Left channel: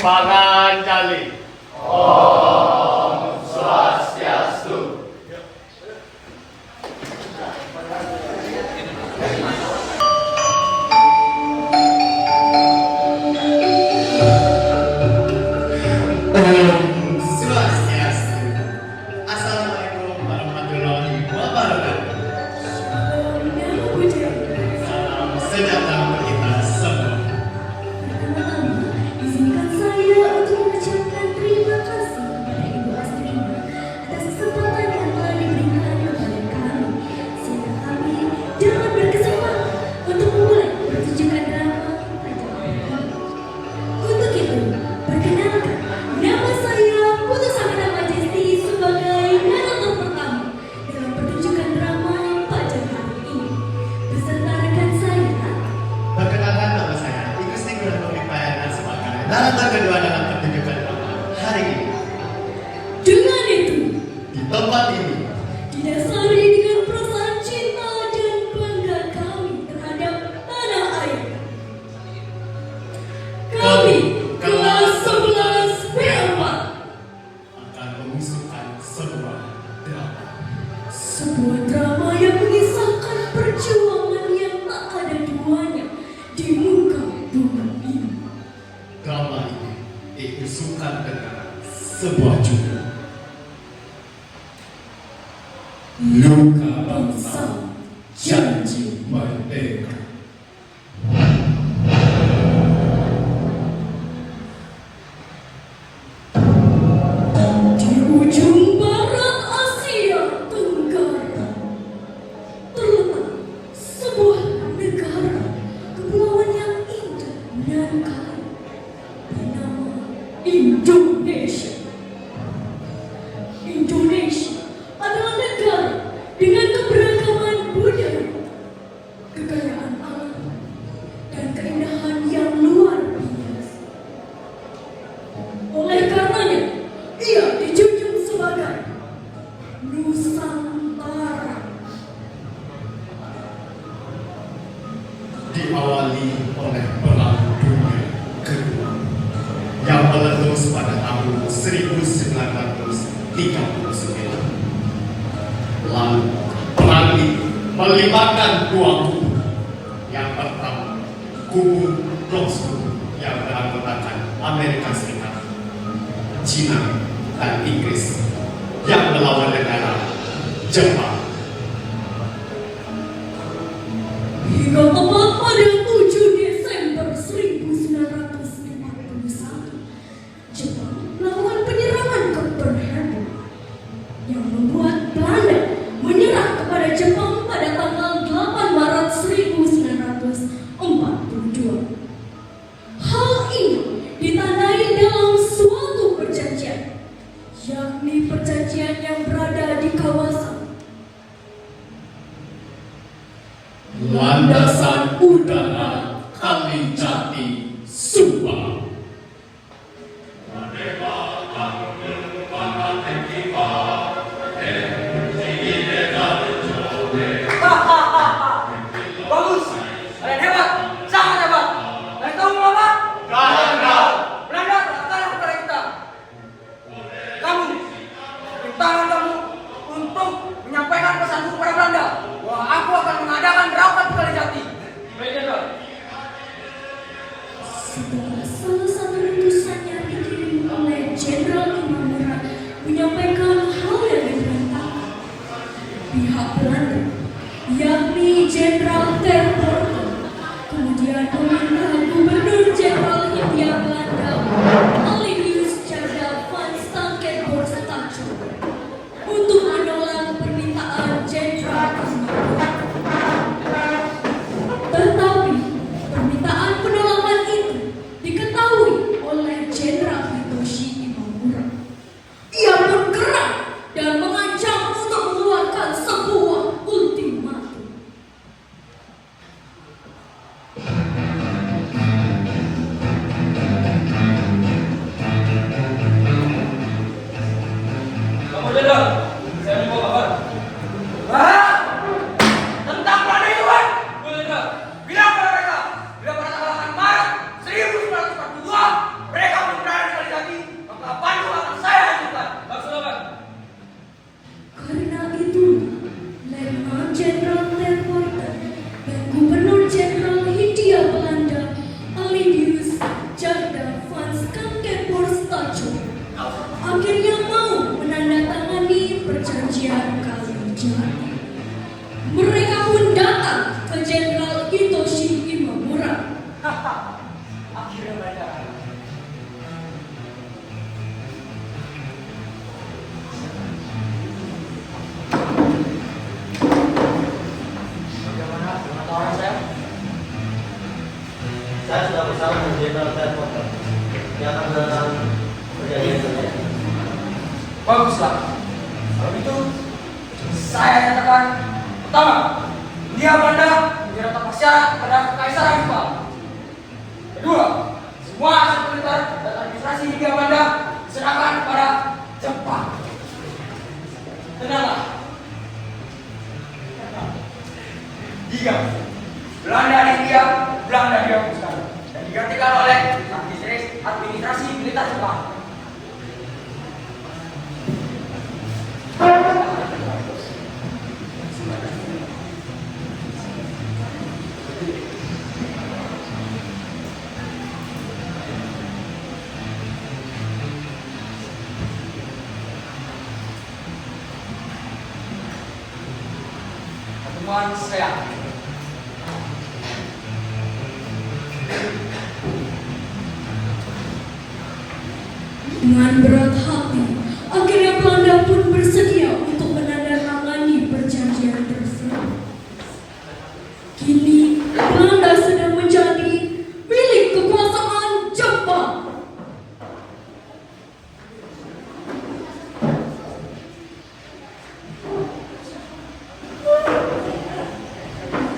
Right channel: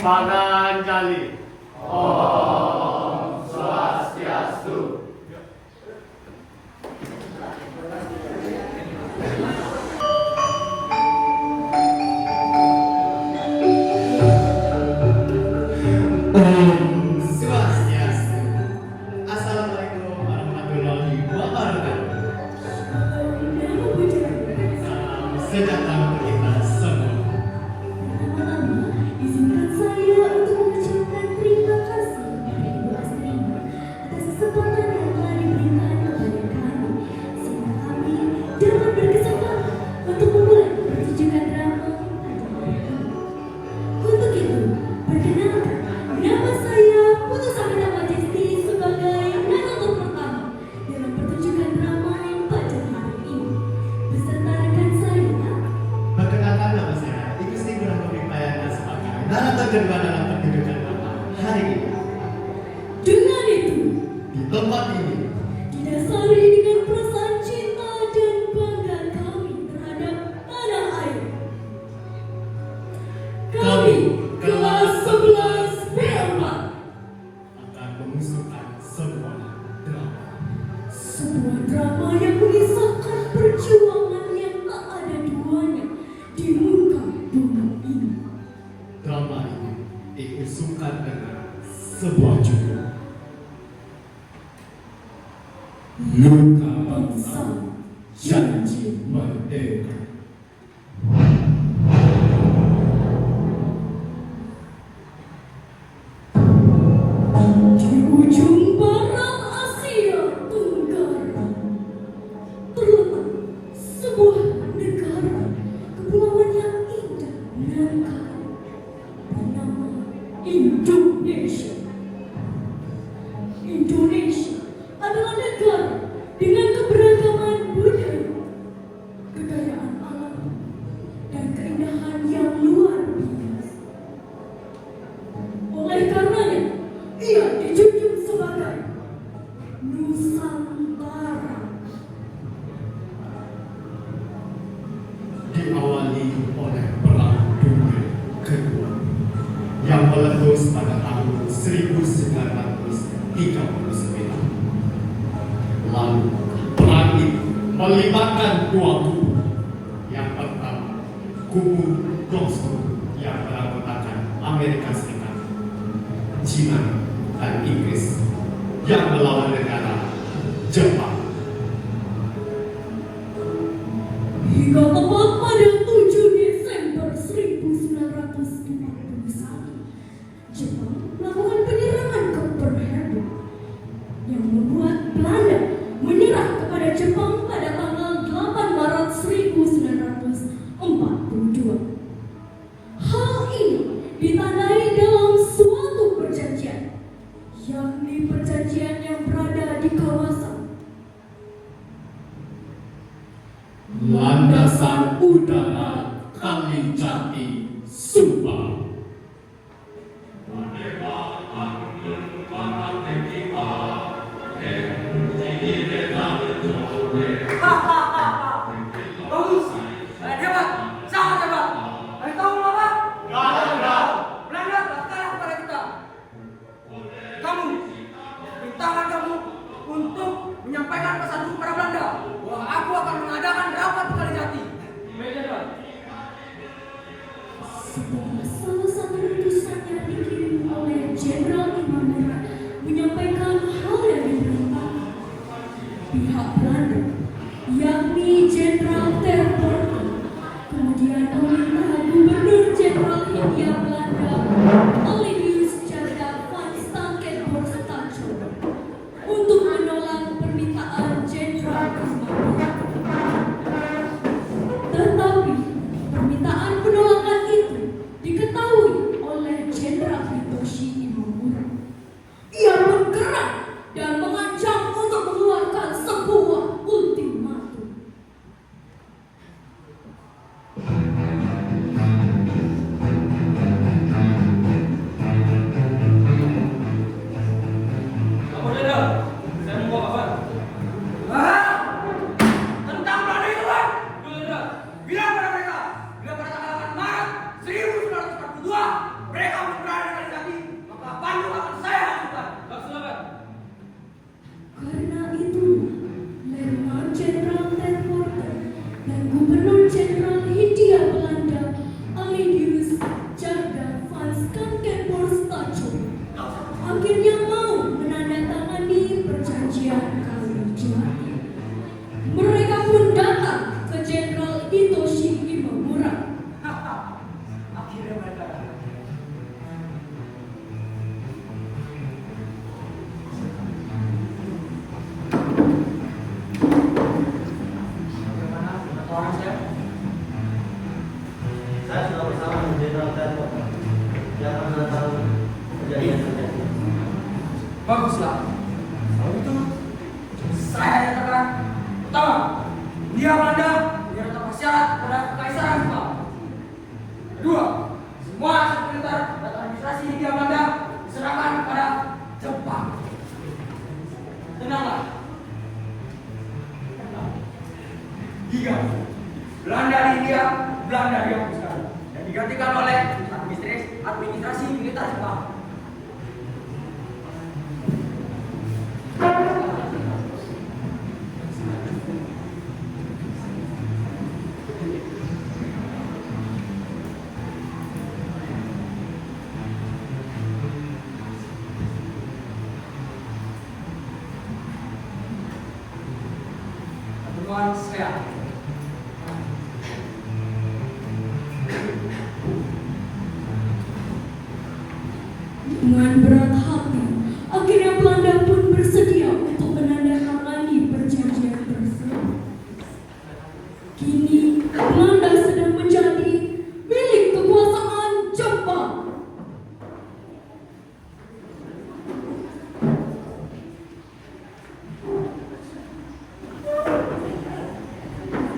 Pangandaling. Om Swastiastu. Om Swastiastu. Assalamualaikum warahmatullahi wabarakatuh. Salam sejahtera untuk kita semua. Izinkan saya untuk mengucapkan terima kasih kepada Ibu Astrina atas kesempatan yang telah diberikan kepada kami, sehingga kami dapat berkesempatan untuk memulai pertunjukan drama pada hari ini. Untuk itu, perkenalkan, nama saya Putu Sabina Majesti sebagai narator pertama dalam pertunjukan drama pada hari ini. Beserta rekan saya, Perkenalkan, nama saya Igusti Gunawan Payana sebagai narator kedua dalam pertunjukan drama hari ini. dengan itu Di tempat ini, didasari dengan perasaan cinta dan bangga kami terhadap tanah air. Kami, kelas 11 B4, akan mengusulkan sebuah drama. sebuah drama yang mengisahkan perjuangan yang tak ada duanya di muka bumi ini. Drama ini diusulkan dengan sebuah judul Luka Bangsa Janji Merdeka. Di ujung barat Asia Tenggara terletak sebuah negara kepulauan yang indah dan kaya bernama Indonesia. Indonesia adalah negara dengan keberagaman budaya, kekayaan alam, dan keindahan yang luar biasa. Oleh karenanya, ia dijunjung sebagai Nusantara. Diawali oleh Perang Dunia Kedua yang meletus pada tahun 1939. Lalu perang ini melibatkan dua kubu. Yang pertama, kubu Roosevelt yang beranggotakan Amerika Serikat, Cina, dan Inggris yang melawan negara Jepang. Hingga tepat pada 7 Desember 1941, Jepang melakukan penyerangan ke Pearl Harbor yang membuat Belanda menyerah kepada Jepang pada tanggal 8 Maret 1942. Hal ini ditandai dalam suatu perjanjian, yakni perjanjian yang berada di kawasan Landasan Udara Kalijati, Subang. Bagus, kalian hebat, sangat hebat. Dan tahu mau apa? Belanda. Belanda datang kepada kita. Kamu, rintangan kamu untuk menyampaikan pesan kepada Belanda bahwa aku akan mengadakan raukat di Kalijati. Baik, Jenderal. sebuah Saya sudah bersama dengan Jenderal Tni Potter yang akan datang kejadian terjadi. Baguslah. Kalau itu, saya nyatakan pertama, Hindia Belanda menjadi tanpa syarat pada Kekaisaran Jepang. Kedua, semua aset militer dan administrasi Hindia Belanda diserahkan kepada Jepang. Tenanglah. Tiga, Belanda di India, Belanda dihapuskan dan digantikan oleh administrasi militer Jepang. Pertemuan saya. Dengan berat hati, akhirnya Belanda pun bersedia untuk menandatangani perjanjian tersebut. Kini, Belanda sedang menjadi milik kekuasaan Jepang.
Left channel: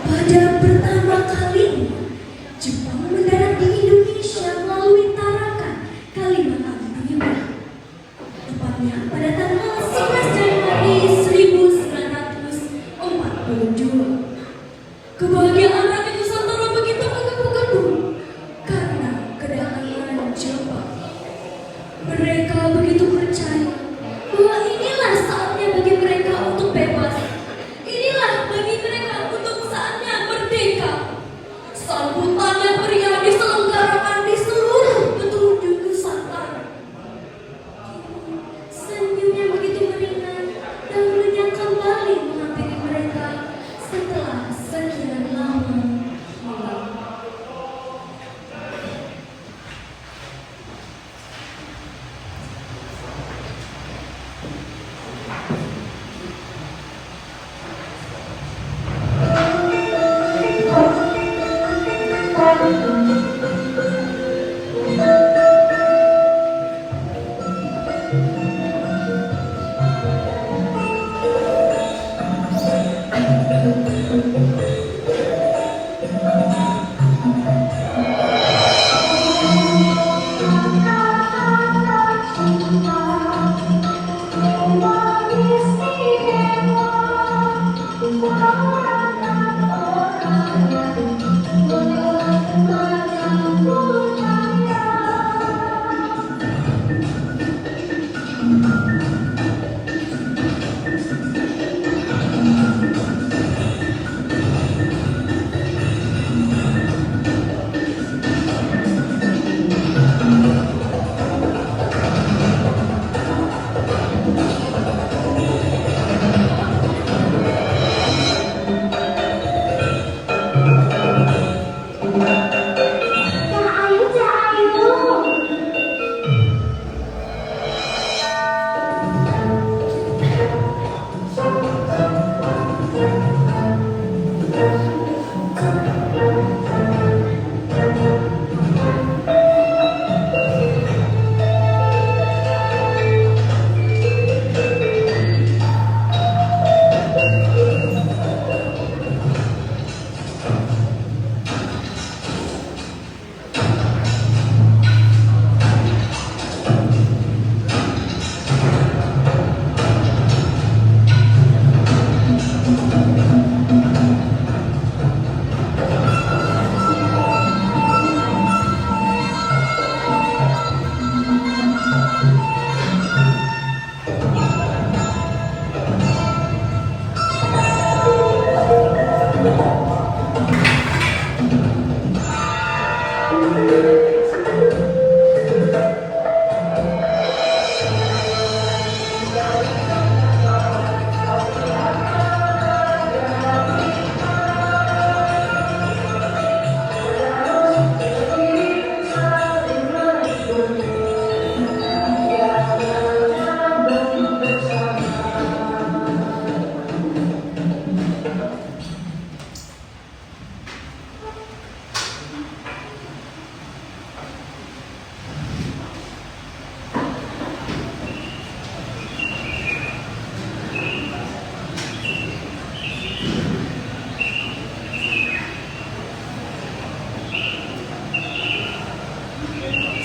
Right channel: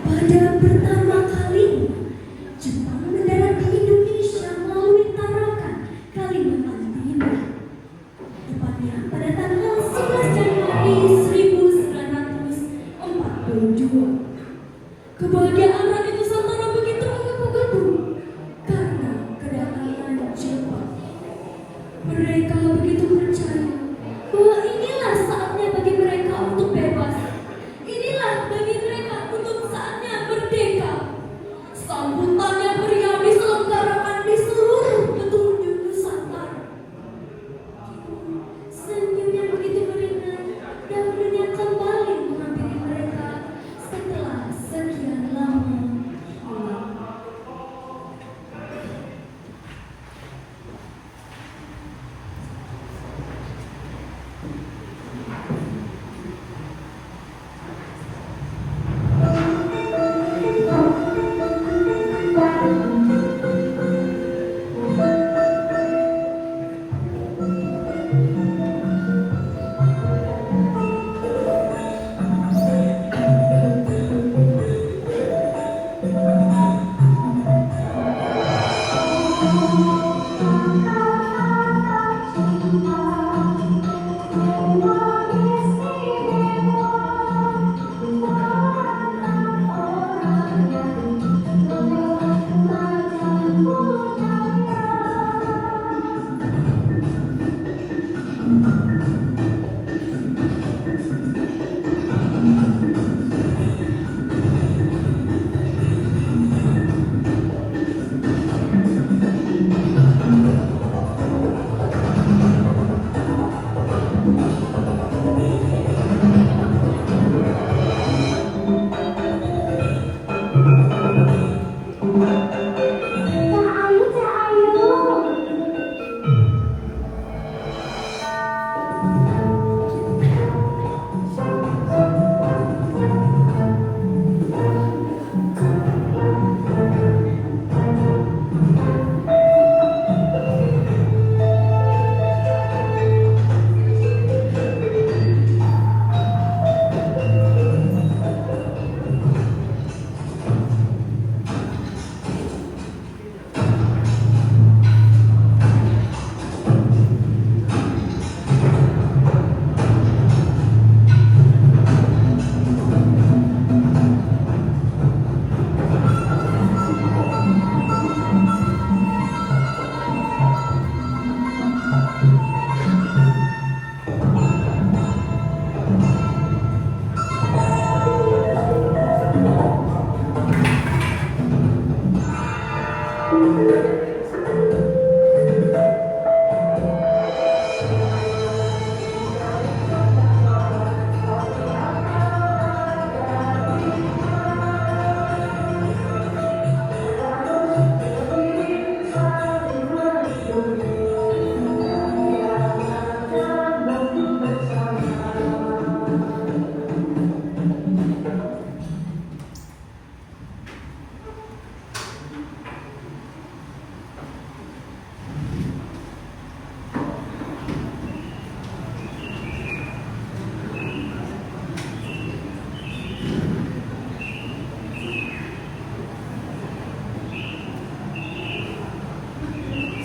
Pada pertama kalinya, Jepang mendarat di Indonesia melalui Tarakan, Kalimantan Timur. Tepatnya pada tanggal 11 Januari 1942. Kebahagiaan rakyat Nusantara begitu menggebu-gebu karena kedatangan Jepang. Mereka begitu percaya bahwa inilah saatnya bagi mereka untuk bebas. Inilah bagi mereka untuk saatnya merdeka. Sambutannya meriah diselenggarakan di seluruh penjuru Nusantara. Senyumnya begitu meringan dan lenyap kembali menghampiri mereka setelah sekian lama.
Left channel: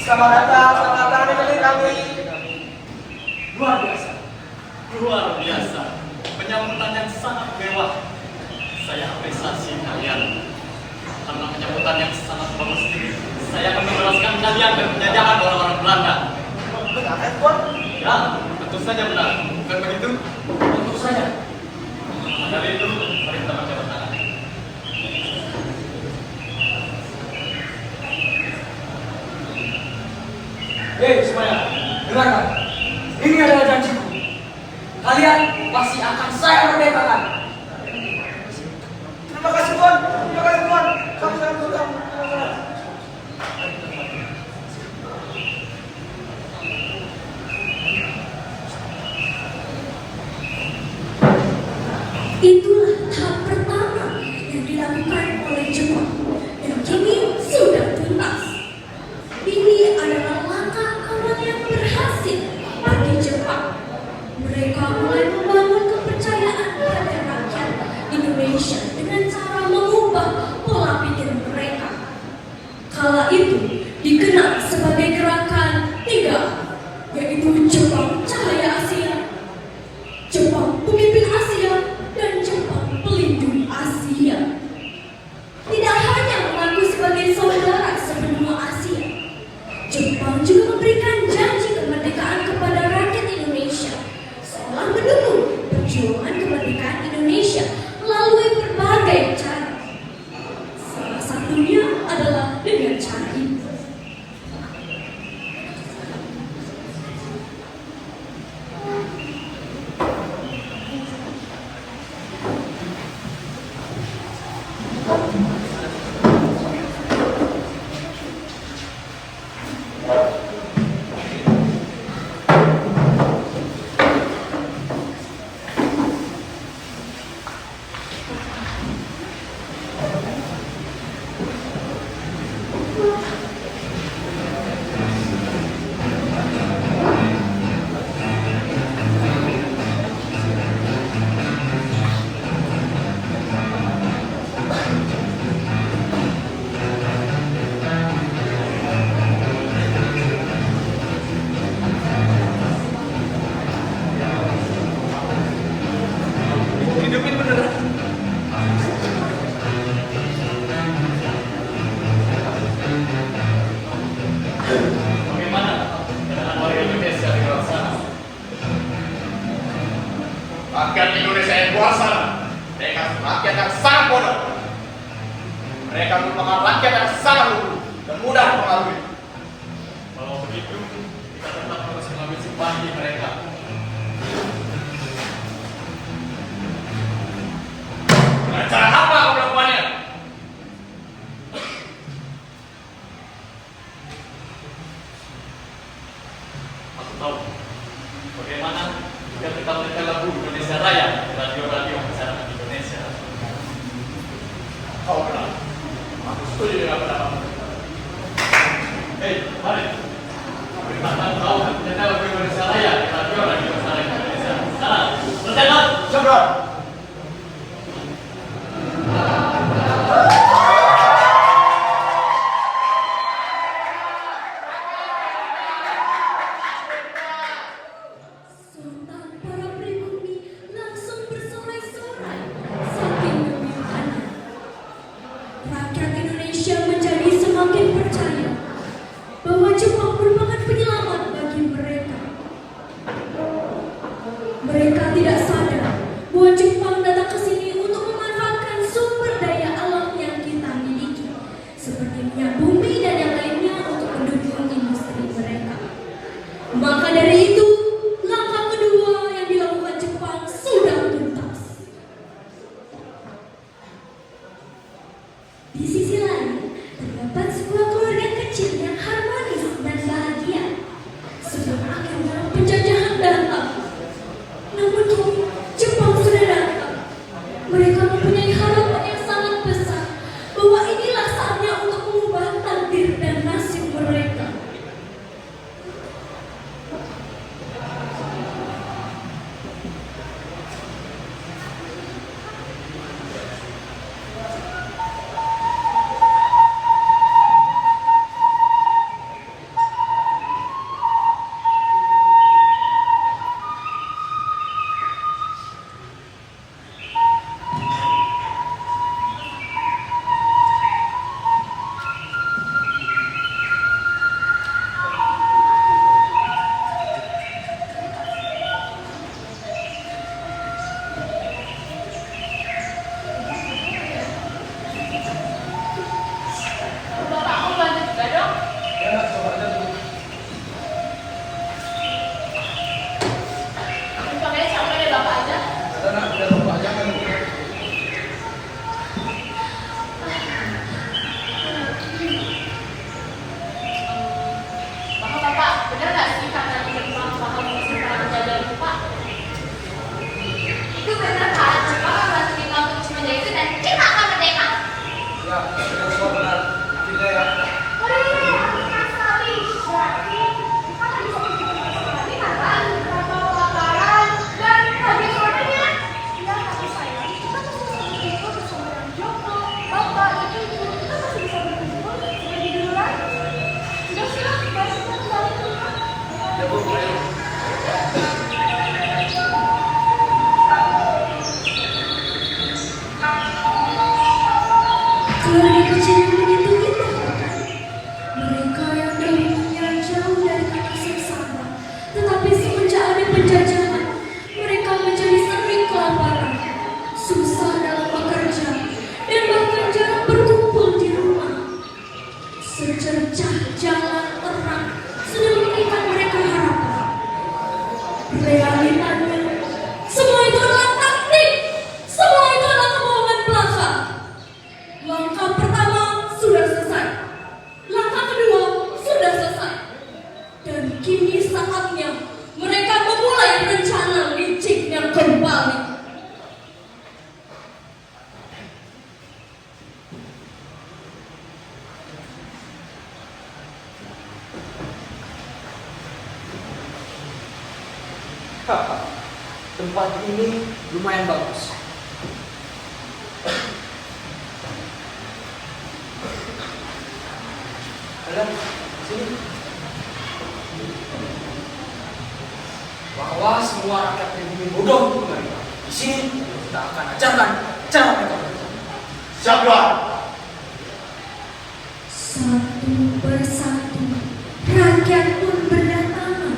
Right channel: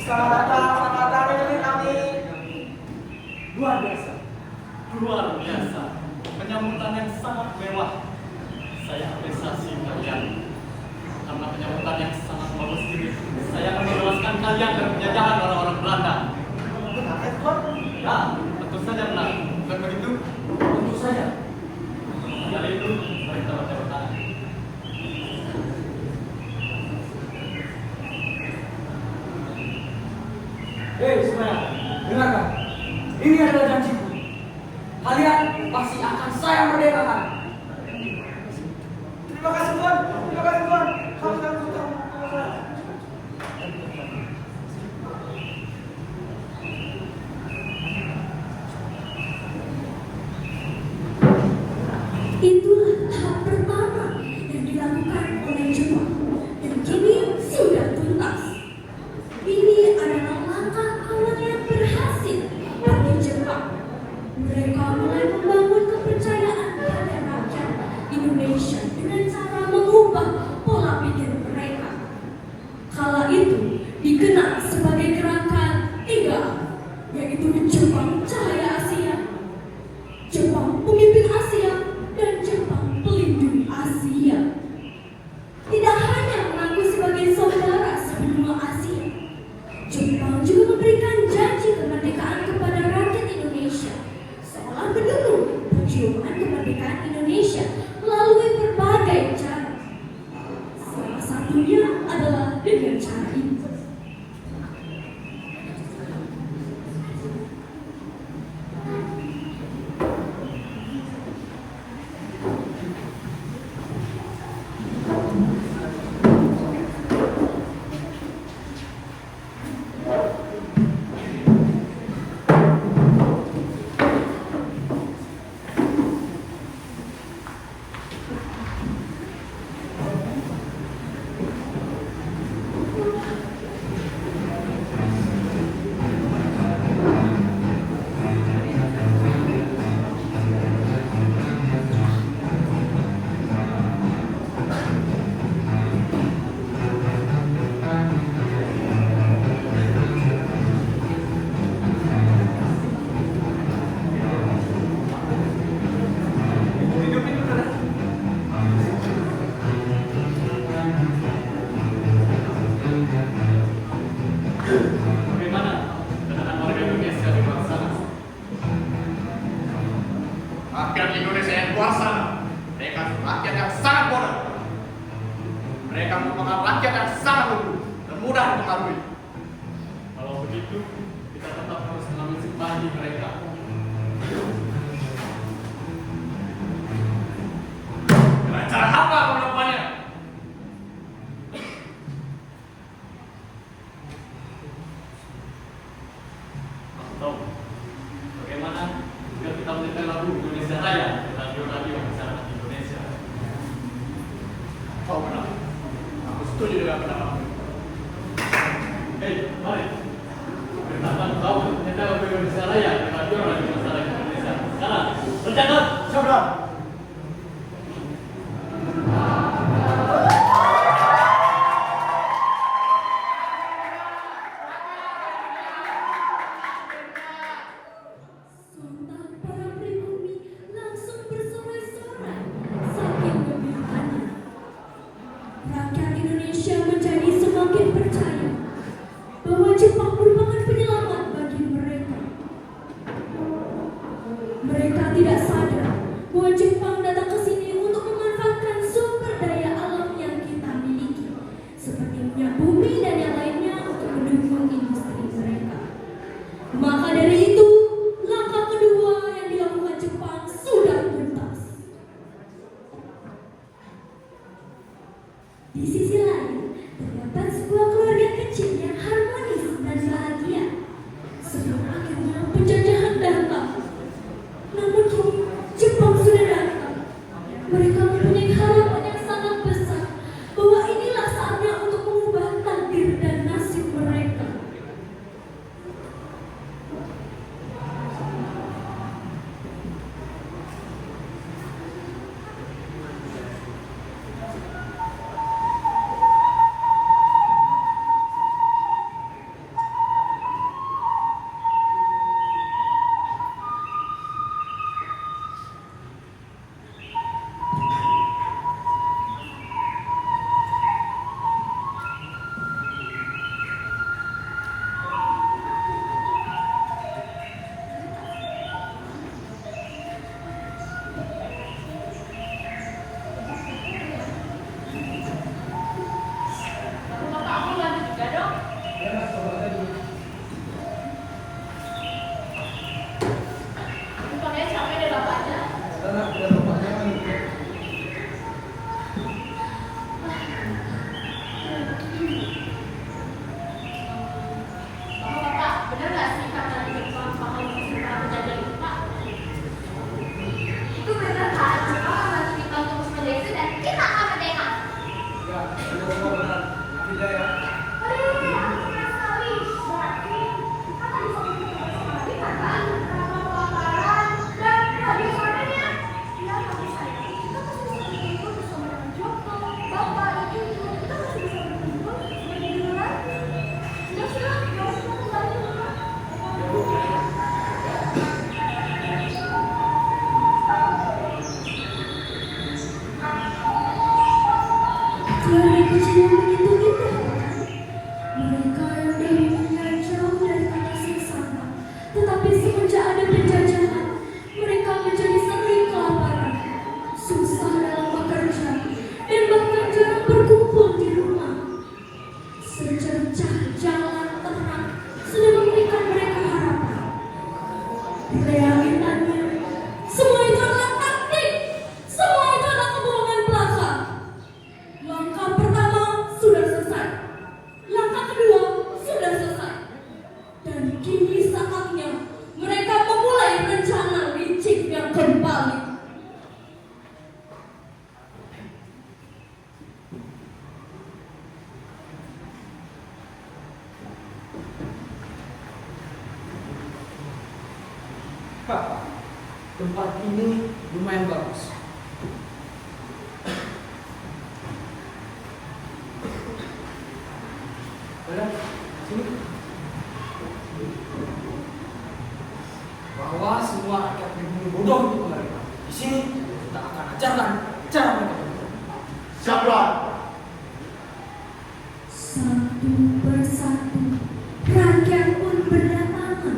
Selamat datang di negeri kami. Luar biasa. Luar biasa. Penyambutan yang sangat mewah. Saya apresiasi kalian. Karena penyambutan yang sangat bagus ini. Saya akan membebaskan kalian dari penjajahan orang-orang Belanda. Benar kan, Tuan? Ya, tentu saja benar. Bukan begitu? Tentu saja. Dari itu, mari kita menjawab tangan. Hei semuanya, dengarkan. Ini adalah janjiku. Kalian pasti akan saya merdekakan. Terima kasih Tuan. Terima kasih Tuan. Kami sudah. Itulah tahap pertama yang dilakukan oleh Jepang dan kini sudah tuntas. Ini adalah langkah awal yang berhasil bagi Jepang. Mereka mulai membangun kepercayaan pada rakyat Indonesia dengan cara mengubah pola pikir mereka. Kala itu dikenal sebagai gerakan 3, yaitu Jepang Cahaya Asia, Jepang Pemimpin Asia, dan Jepang Pelindung Asia. Tidak hanya mengaku sebagai saudara sebenua Asia, Jepang juga memberikan janji kemerdekaan kepada rakyat Indonesia seolah mendukung perjuangan kemerdekaan Indonesia melalui berbagai cara. Salah satunya adalah dengan cara ini. Bagaimana dengan warga Indonesia di luar sana? Rakyat Indonesia yang luar sana, mereka rakyat yang sangat bodoh. Mereka merupakan rakyat yang sangat lugu dan mudah mempengaruhi. Kalau begitu, kita tetap harus mengambil simpati mereka. Dengan cara apa aku melakukannya? Aku tahu bagaimana jika kita mendengar lagu Indonesia Raya di radio-radio masyarakat Indonesia. Kau benar. Aku setuju dengan pendapat. Hei, mari. Beritakan kau mendengar lagu Indonesia Raya di radio-radio masyarakat Indonesia. Sekarang, berjalan. Sabar. Sontak para pribumi langsung bersorai-sorai saking gembiranya. Rakyat Indonesia menjadi semakin percaya bahwa Jepang merupakan penyelamat bagi mereka. Mereka tidak sadar bahwa Jepang datang ke sini untuk memanfaatkan sumber daya alam yang kita miliki, seperti minyak bumi dan yang lainnya untuk mendukung industri mereka. Maka dari itu, langkah kedua yang dilakukan Jepang sudah tuntas. Di sisi lain, terdapat sebuah keluarga kecil yang harmonis dan bahagia sebelum akhirnya penjajahan datang. Namun kini Jepang sudah datang. Mereka mempunyai harapan yang sangat besar bahwa inilah saatnya untuk mengubah takdir dan nasib mereka. juga ya. Keluarga kecil yang begitu kita, mereka yang dulunya jauh dari atas yang sama, tetapi semenjak ada penjajahan, mereka menjadi sering kelaparan, susah dalam bekerja, dan bahkan jarang berkumpul di rumah. Secercah jalan terang sudah memberikan mereka harapan. Realitanya, semua itu adalah taktik, semua itu adalah kebohongan belaka. Langkah pertama sudah selesai, langkah kedua sudah selesai, dan kini saatnya mereka memulai rencana licik yang kembali. Tempat ini lumayan bagus. Kalian sini. Bahwa semua rakyat pribumi bodoh untuk mereka. Di sini kita akan ajarkan cara mereka bekerja. Siapa? Satu persatu rakyat pun berdatangan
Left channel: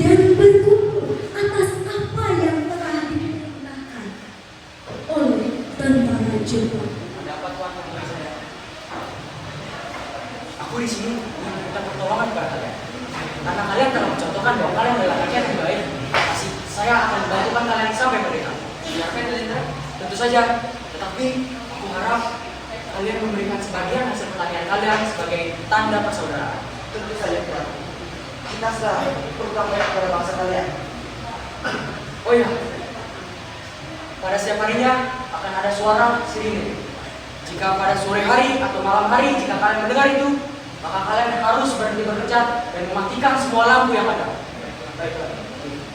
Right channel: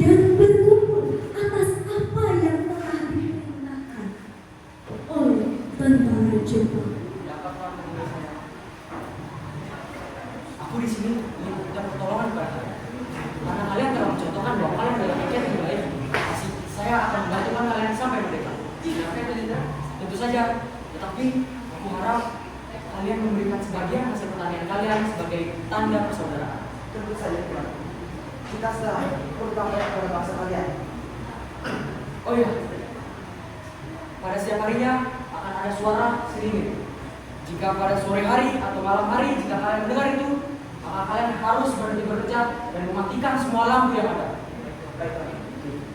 dan berkumpul atas apa yang telah diperintahkan oleh tentara Jepang. Dapat Tuhan mengenai saya. Aku di sini meminta pertolongan kepada kalian. Karena kalian telah mencontohkan bahwa kalian adalah rakyat yang baik. Pasti saya akan membantukan kalian sampai mereka. Tentu saja. Tetapi aku harap kalian memberikan sebagian hasil pertanian kalian sebagai tanda persaudaraan. Tentu saja Tuhan. Kita selalu berutang banyak kepada bangsa kalian. Oh iya, pada setiap harinya akan ada suara sirine. Jika pada sore hari atau malam hari, jika kalian mendengar itu, maka kalian harus berhenti bekerja dan mematikan semua lampu yang ada.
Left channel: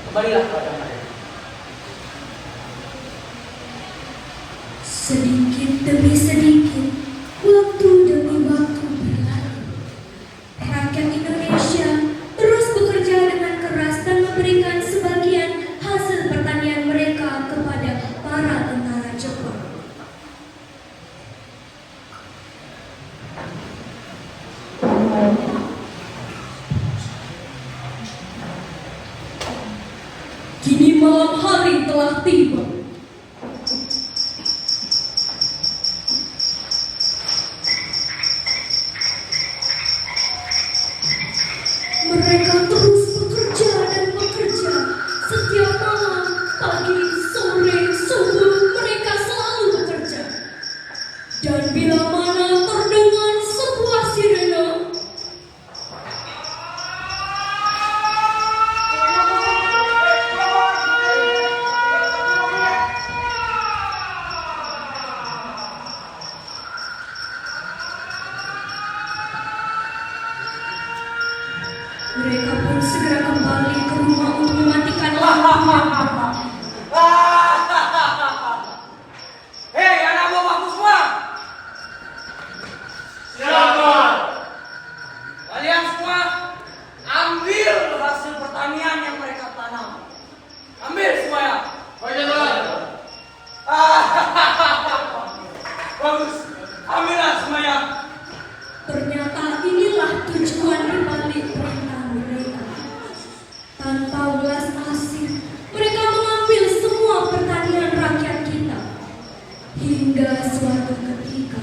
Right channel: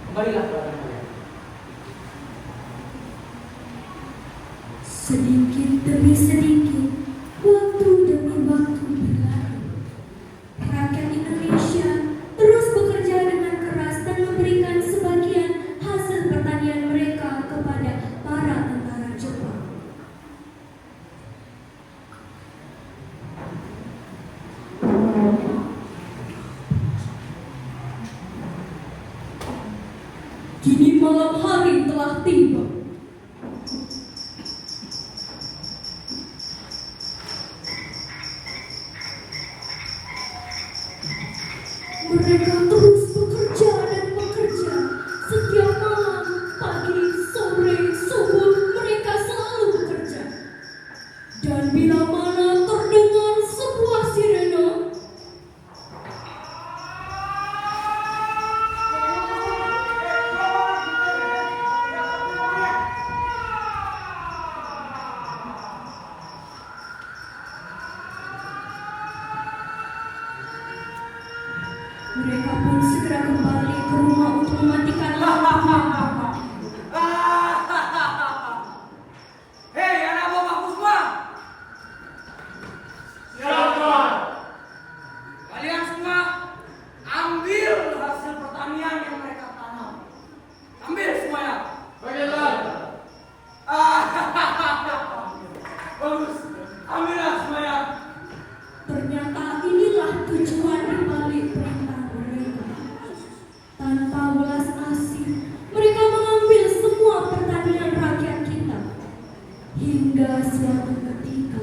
Kembalilah kepada kalian. Sedikit demi sedikit, waktu demi waktu berlalu. Rakyat Indonesia terus bekerja dengan keras dan memberikan sebagian hasil pertanian mereka kepada para tentara Jepang. Kini malam hari telah tiba. Mereka terus bekerja dan bekerja. Setiap malam, pagi, sore, subuh, mereka selalu bekerja. Dan bila mana terdengar sebuah sirene, mereka pun segera kembali ke rumah untuk mematikan lampu. Hei, anak buahku semua! Siapa? Kalian semua ambil hasil pertanian yang mereka tanam. Ambil semuanya. Oke, Tuhan. Bagus. Ambillah semuanya. Ternyata inilah tujuan dibalik perintah mereka. Tanpa welas asih, mereka mengambil semua pertanian rakyat kita. Hingga suatu ketika,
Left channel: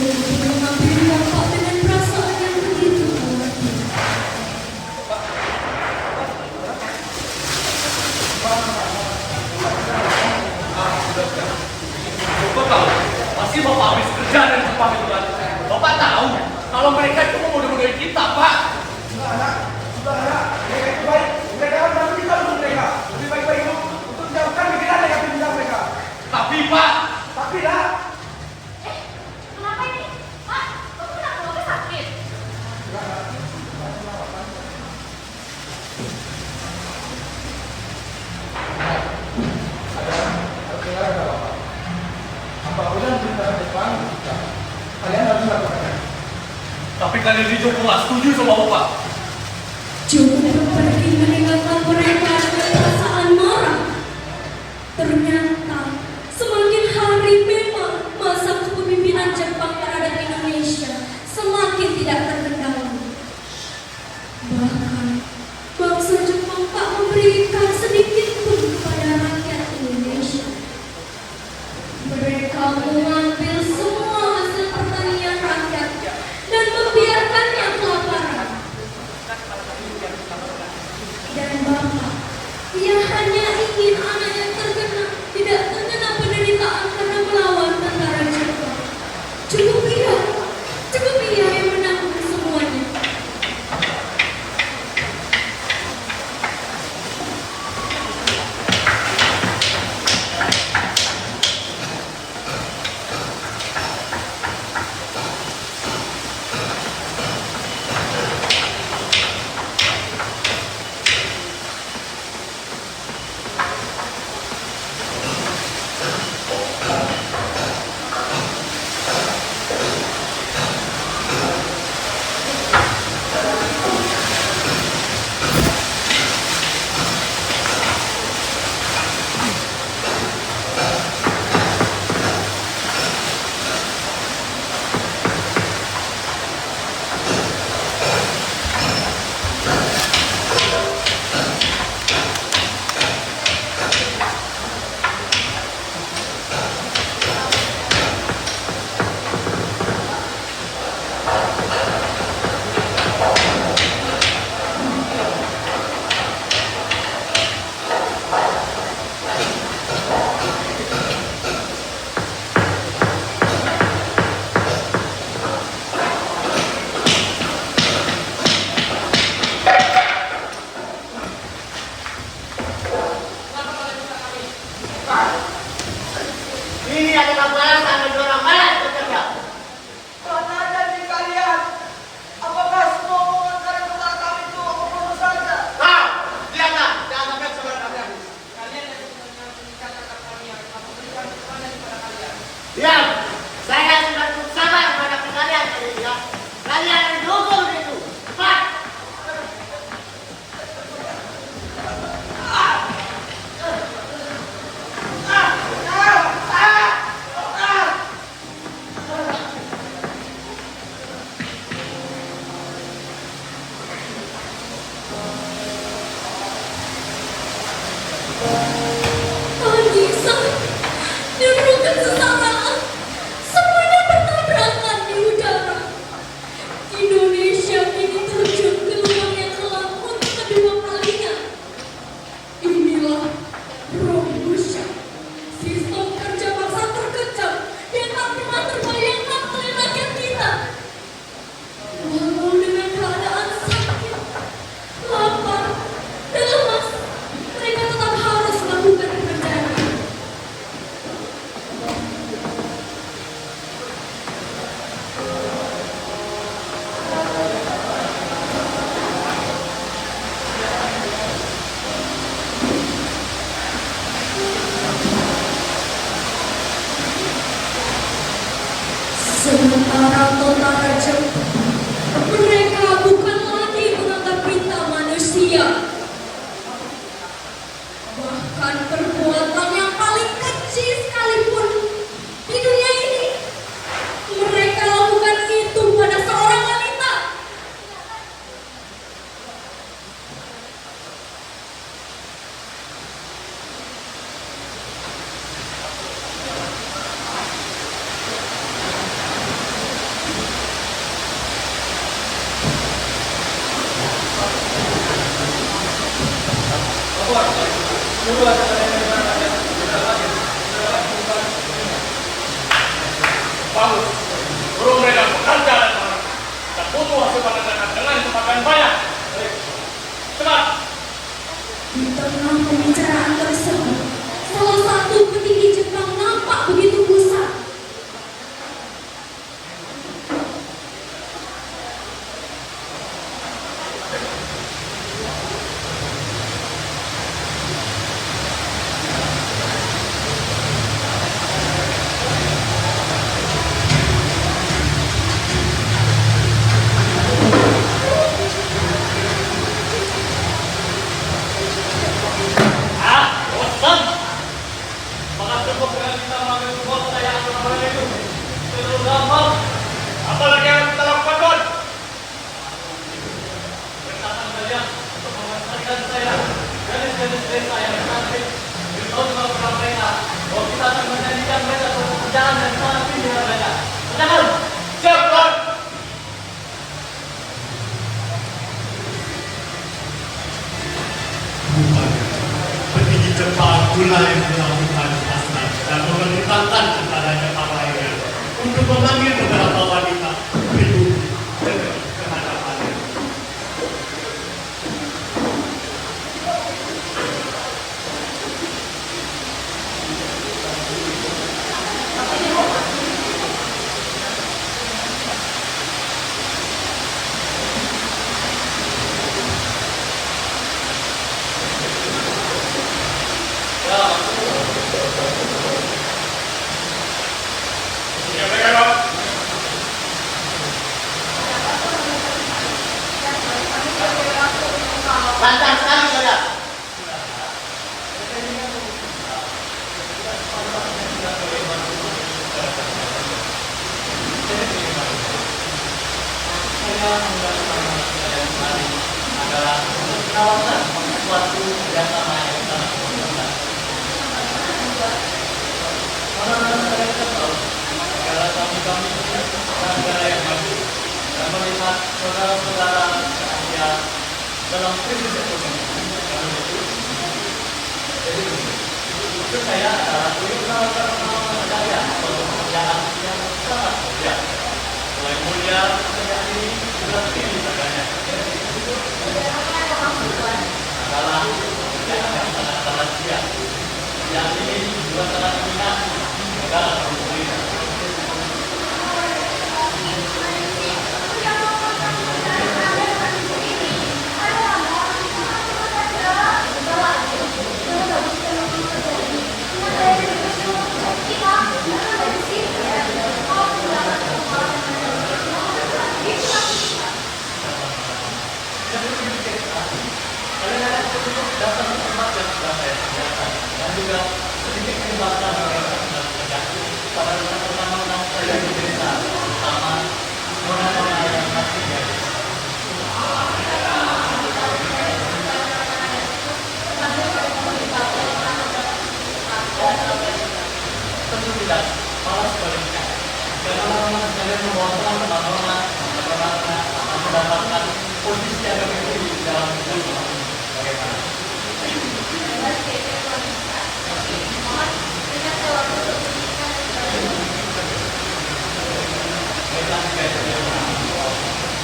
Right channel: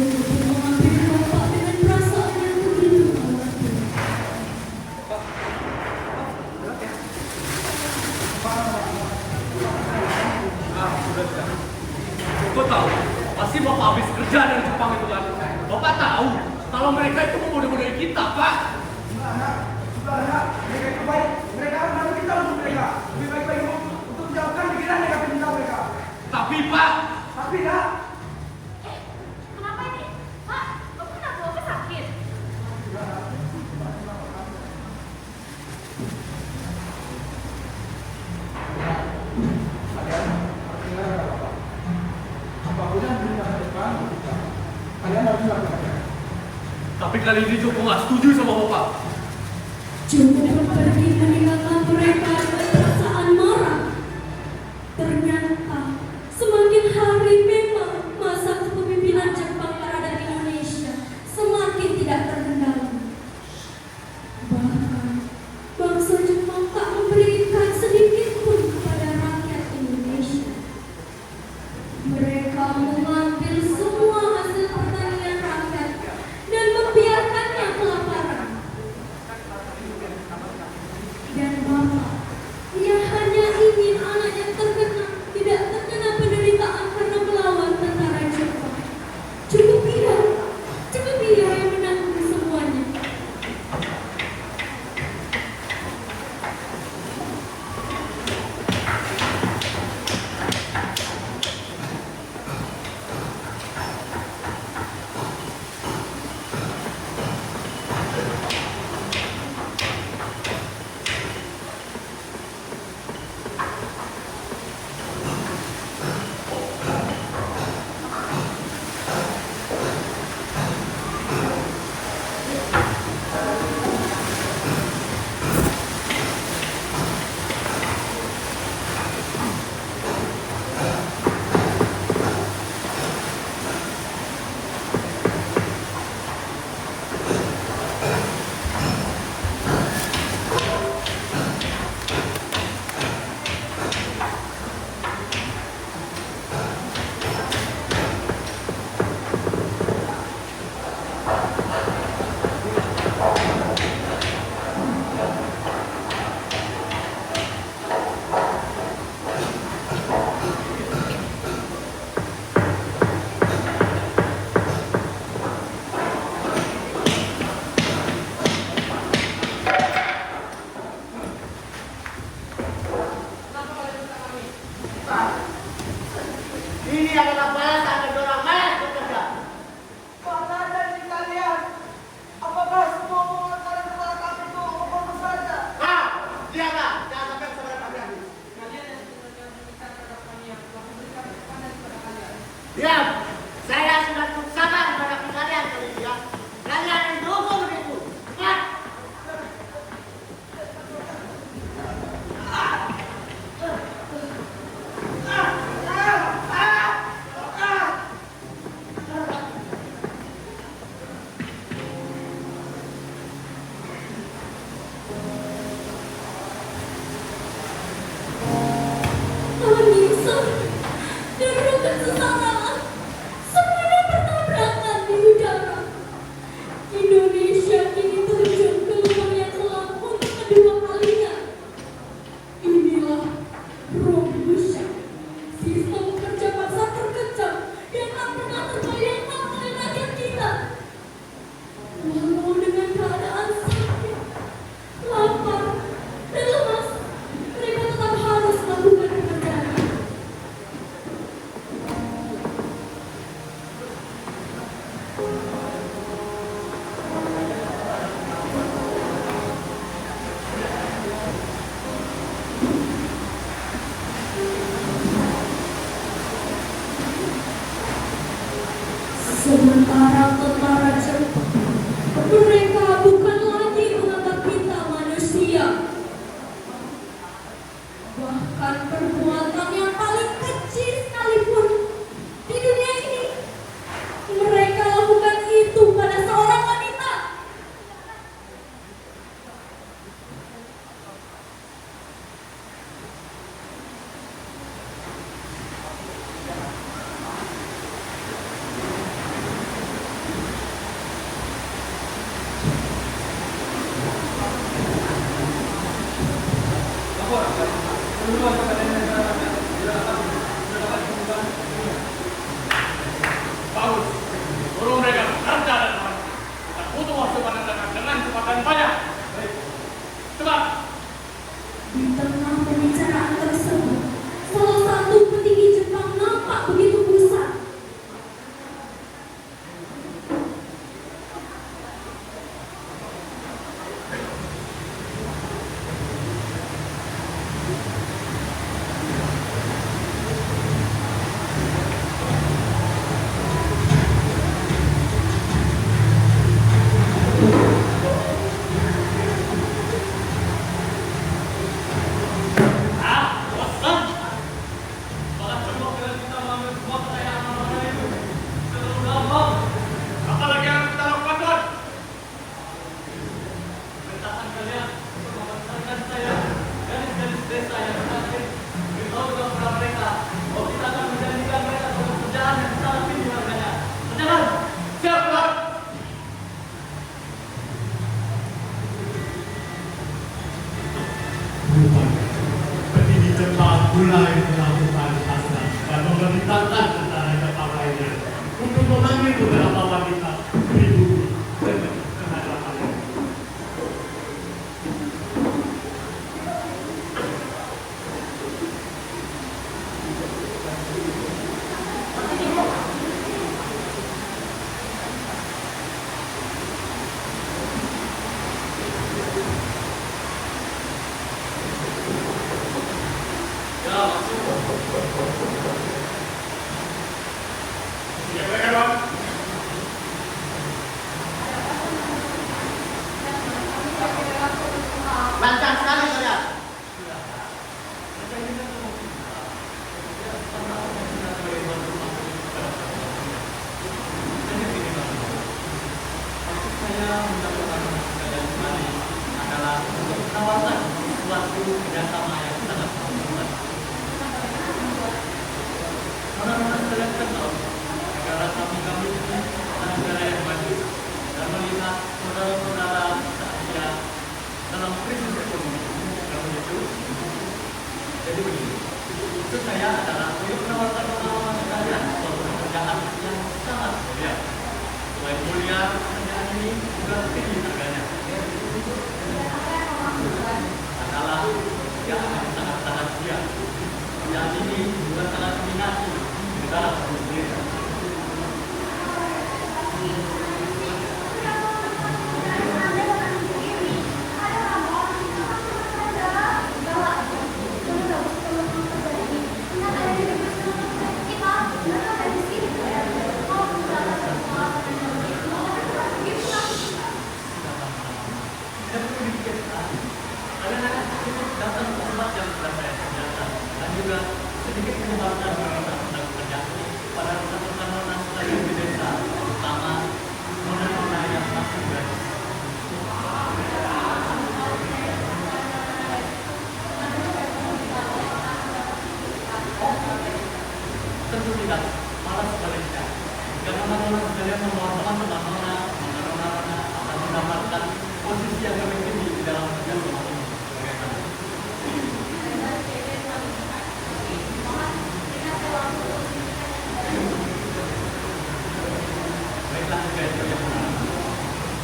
Sungguh tidak mengambil dampak dengan perasaan yang begitu alami. Bapak tahu, pasti Bapak habis kerja dari Jepang itu kan. Bapak tahu kalau mereka itu memodel-model kita, Pak. Tapi Pak, Kenapa ini? Pak, kamu kenapa bapak sakit? tapi kali ini Joko nggak setuju sama Bapak. Joko pergi meninggalkan mereka dengan perasaan marah. Ternyata semakin hari memang masa kepemimpinan Jepang terhadap Indonesia semakin tidak terkendali. Bahkan bangsa Jepang tak memberikan sedikit pun pada rakyat Indonesia. Mereka mengambil semua hasil pertanian rakyat dan membiarkannya kelaparan. Dan Bapak, ia hanya ingin anak yang terkena tidak terkena penderitaan karena melawan tentara Jepang. Cukup ia yang menanggung semuanya. Ini adalah balasan bagi orang malas bekerja. Mana janji kalian? Apakah semua omongan kalian kepada kami itu omong saja? Kau, lihatlah, jangan sampai saudara kami habis. Diam! Saya sudah cukup sabar menghadapi kalian kali ini ya. Kalian yang dihukum itu. Cepat! Anissa, dibutuhkan sesamaan. Semuanya bertabrakan di udara. Indonesia kini terjun ke lubang yang kelam untuk kedua kalinya. Inilah Romusha, sistem kerja paksa terkejam yang tak pernah terbayangkan oleh rakyat kita. Walau dengan keadaan sakit, lapar, dan lemas, mereka tetap harus melakukan pekerjaannya. Sementara tentara Jepang, mereka bukan lagi menganggap kita manusia. Bahkan perbuatan yang paling kecil sekalipun di dunia ini, mereka lakukan itu pada seorang wanita. Dengan banyak. Cepat. Di tengah pembicaraan tersebut, salah satu petinggi Jepang nampak begitu gusar. Bosan. Apakah cukup dengan kita mengambil semua kekayaan orang itu? Terlalu gampang. Apalagi yang kita lakukan, Tuan? Perintahkan kalian untuk memasarkan saya gadis-gadis desa yang cantik. Beritahu kepada mereka bahwa kita akan menjadikan mereka suatu kerjaan yang sangat tinggi harganya. Jangan. Siap, Tuan. Bukan. Petinggi Jepang mulai melakukan hasrat dan memerintahkan kepada Jepang lainnya untuk memanggil beberapa wanita pribumi dengan kehadapannya. Ini mereka, Tuan. Lancar sekali, saudara. Saya melakukan yang tadi adalah menawarkan suatu kerjasama yang sangat mudah. Karena saya kesal negara kami ini negara yang maju dan melihat saudara-saudara Asia dalam krisis ekonomi. Karena itu, jadi begini. Itu saya adalah ingin menawarkan saya suatu pekerjaan yang sangat mulia. Mulai mulia pekerjaan ini juga tinggi harganya. Adalah pekerjaan yang sangat rahasia. Pekerjaan ini juga sangat diminati negara kami sendiri. Dan itu dipikir sekali. Karena itu datang ke tempat yang sudah saya sediakan dan juga sedikit menyebarkan yang saya sudah kerjakan. Karena teman-teman saya di desa, terutama orang-orang yang masih gadis. Tentu tidak, malah sebaliknya. Karena teman-teman sekalian membawa teman-teman akan mendapatkan posisi yang lebih tinggi di dalam dunia ini. Bagaimana? Baiklah, guys.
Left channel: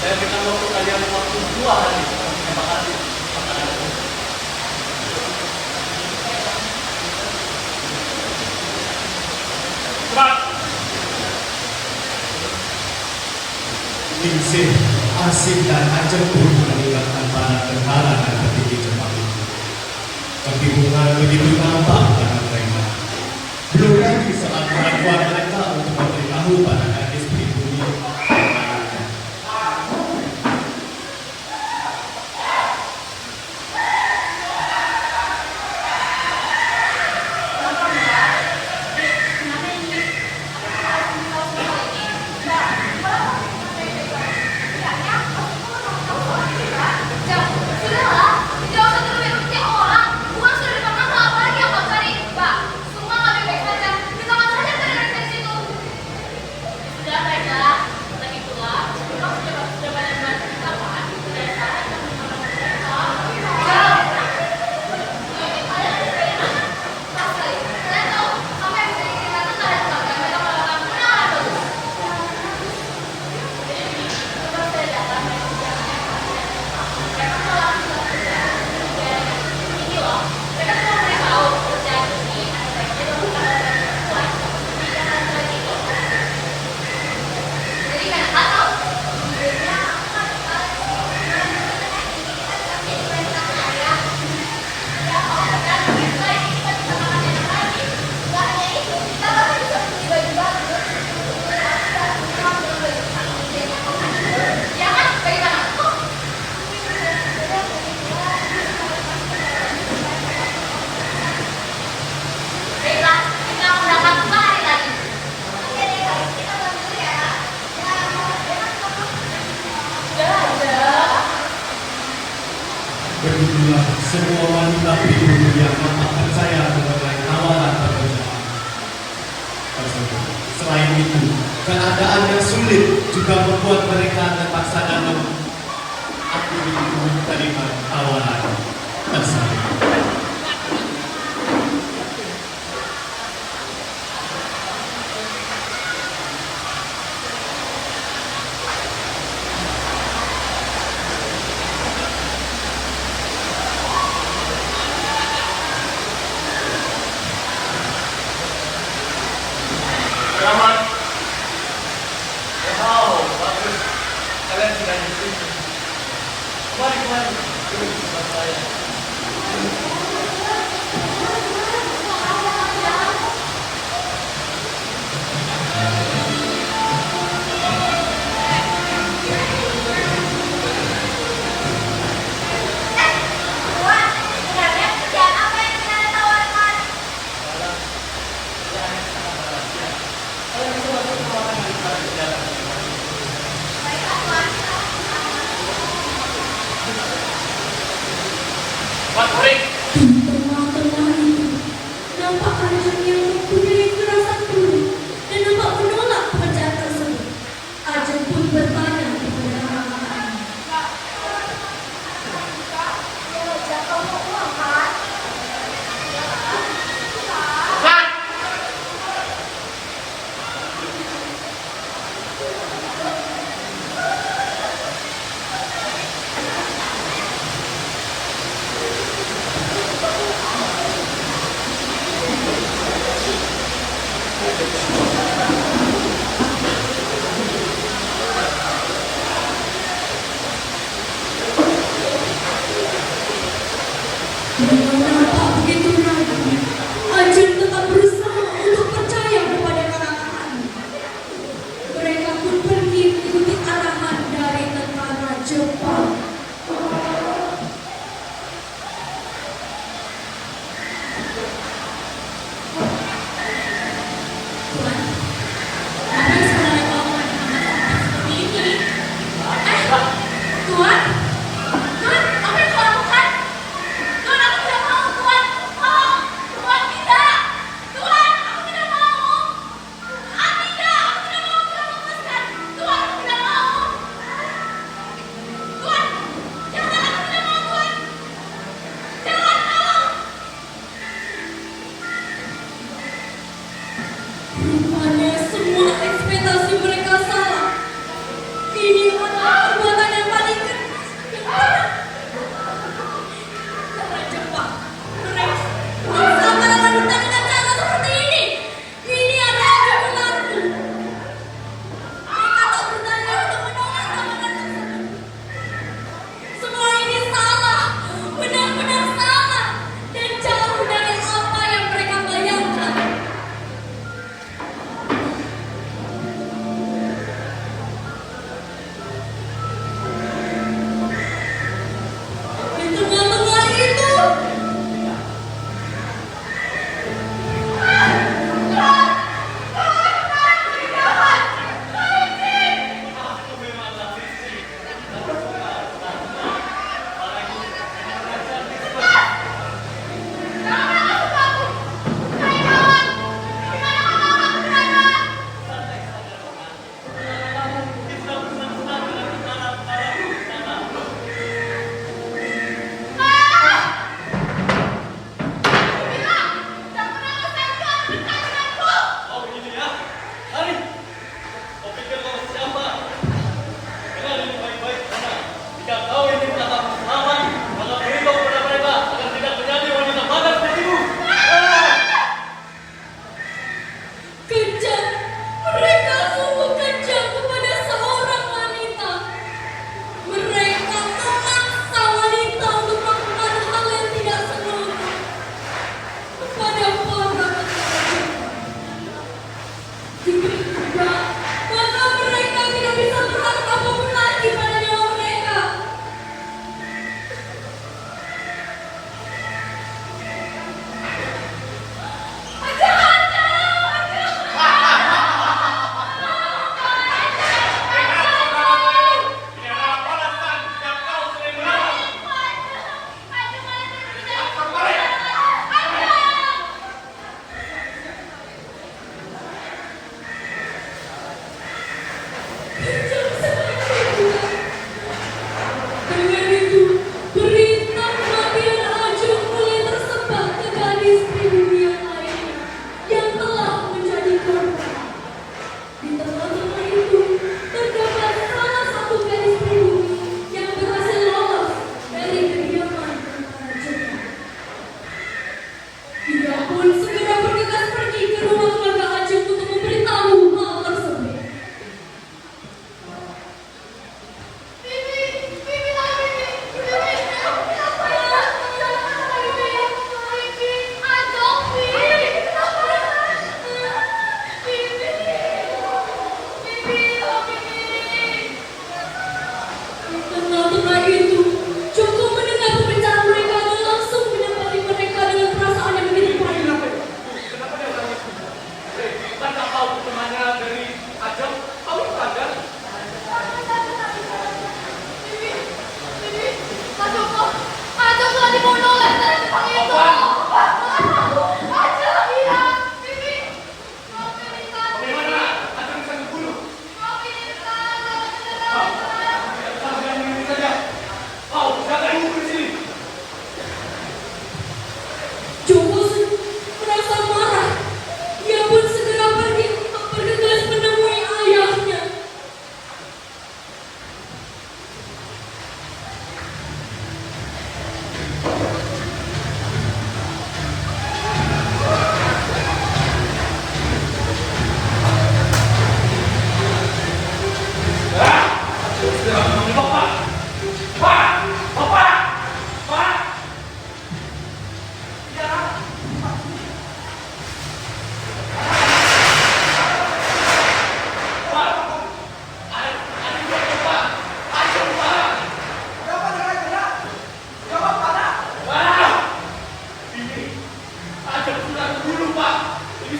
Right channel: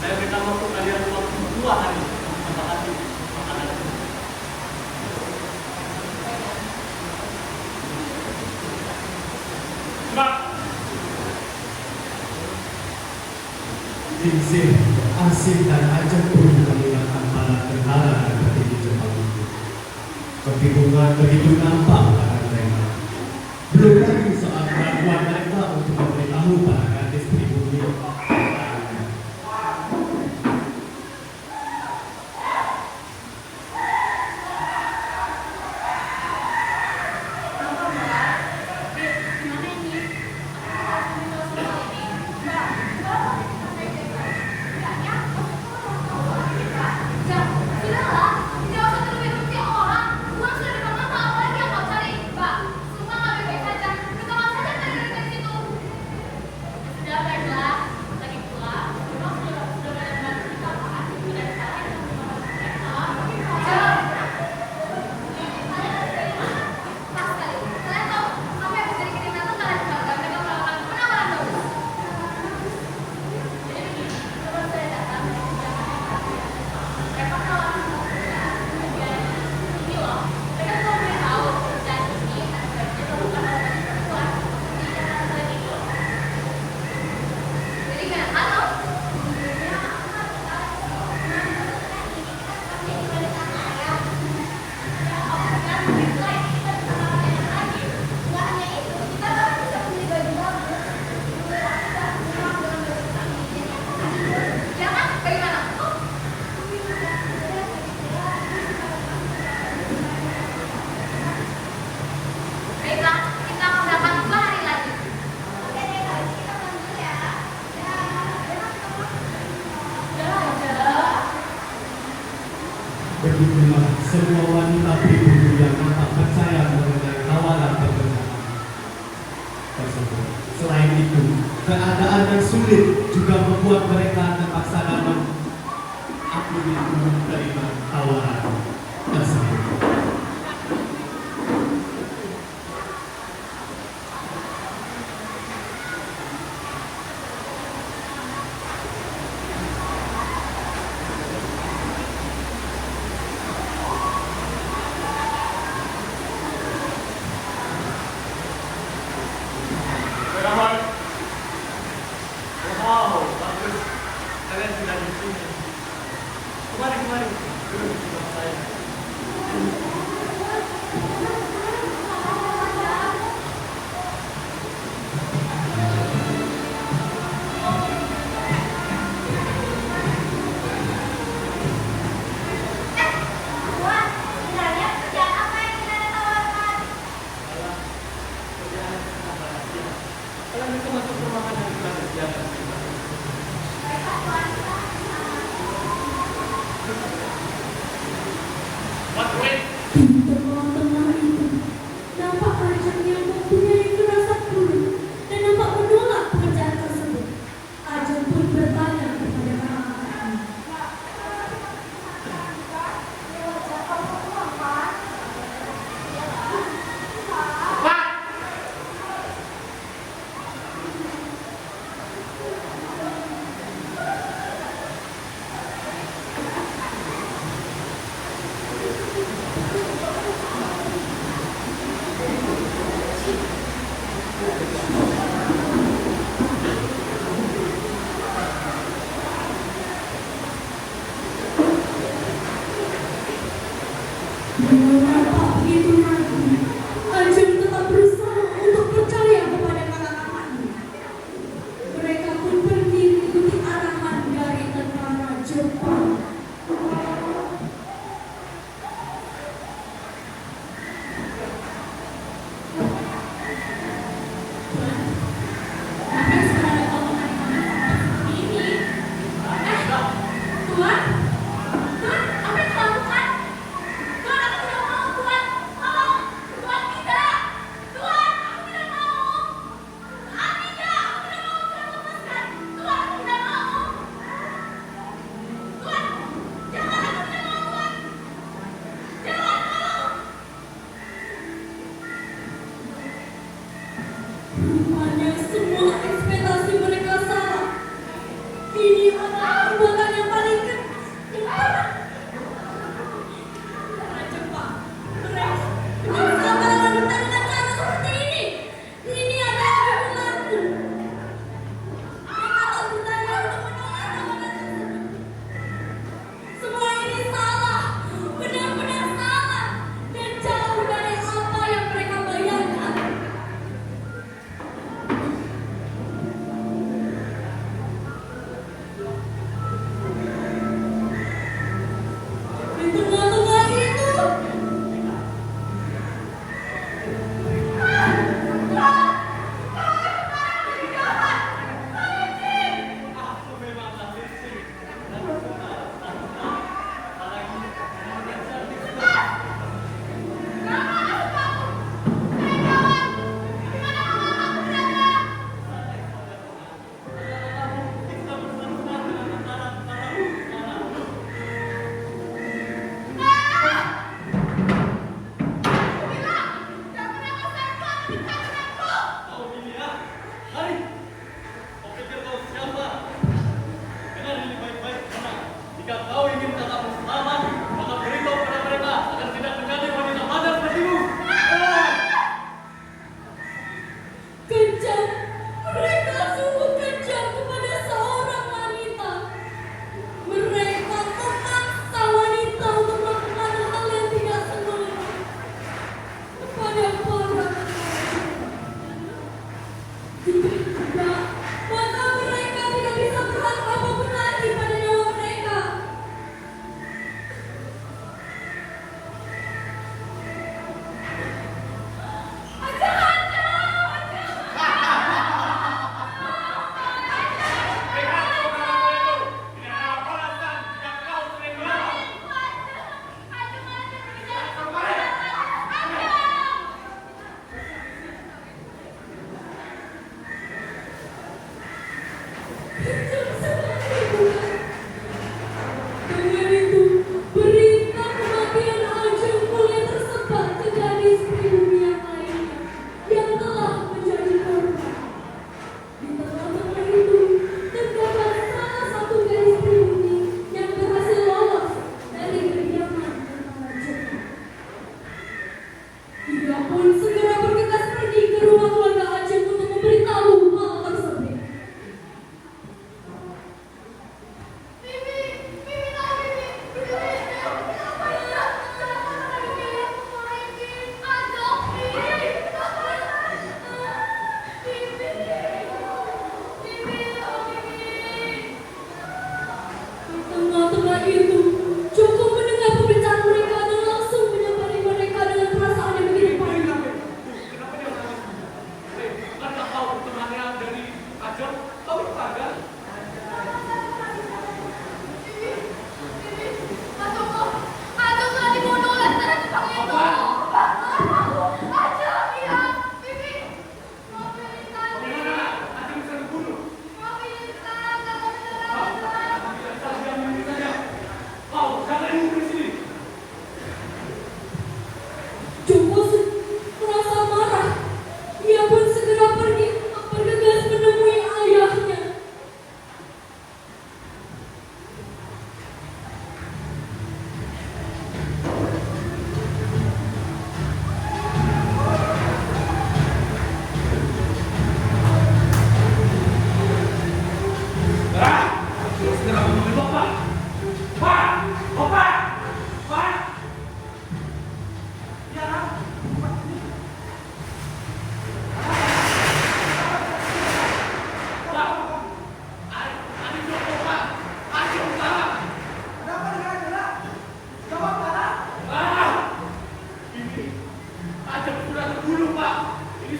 Saya berikan waktu kalian waktu 2 hari. Terima kasih. Cepat. Ningsih, asing dan ajak pun melihat antara tentara dan petinggi Jepang itu. Kebingungan begitu nampak pada mereka. Belum lagi soal keraguan mereka untuk memberitahu pada gadis pribumi. Sudahlah, tidak usah terlalu berpikir orang. Uang sudah bermanfaat, apa lagi yang kau cari? juga membuat mereka terpaksa nanam aku rindu kalimat tawaran tersebut. Selamat. Wow, bagus. Kalian sudah di sini. Kemari. Duduk bersama saya. Tuan, sebenarnya kerjaan apa yang tidak ada tawarkan? Kalau bisa masuk ke ruangan dan kita kerja. Baiklah, Tuan, kita Tuan Kuring, Di tengah-tengah itu, nampak Ajeng yang mempunyai firasat buruk dan nampak menolak pekerjaan tersebut. Ajeng pun bertanya kepada kakak-kakaknya. Wajah kamu uang kan? Tuan. Walau nampak begitu ragu, Ajeng tetap berusaha untuk percaya kepada kakak-kakaknya. Mereka pun pergi mengikuti arahan dari tentara Jepang. Tuan, apa yang sebenarnya kau mengatakan seperti ini? Tuan? Tuan, apa yang kau lakukan? Tuan, aku tidak mau, Tuan. Tolong. Tuan, tidak. Tuan, aku tidak mau. Ah, tidak. Aku tidak mau. Tuan, lepaskan. Tuan, aku tidak mau. Tuan, jangan. Aku tidak mau, Tuan. Jangan, tolong. Rupanya semua ekspektasi mereka salah. Ini adalah perbuatan yang paling keras yang pernah. Tentara Jepang, mereka bangsa para wanita dengan cara seperti ini. Ini adalah kebenaranku. Mereka tak berdaya untuk menolak tawaran tersebut. Semua ini salah, benar-benar salah, dan jauh dari apa yang mereka bayangkan. Di tengah-tengah itu, Oh begini ya. Mari. Kau pikir kau siapa? Dengar ini baik-baik karena jika kau ingin tetap aman, maka beritahu kepada mereka agar tidak terjadi wanita padat sepertimu. kejam. Mereka sungguh kejam kepada seorang wanita. Mereka memaksa wanita untuk melakukan hal yang tidak senonoh kepada para tentara Jepang.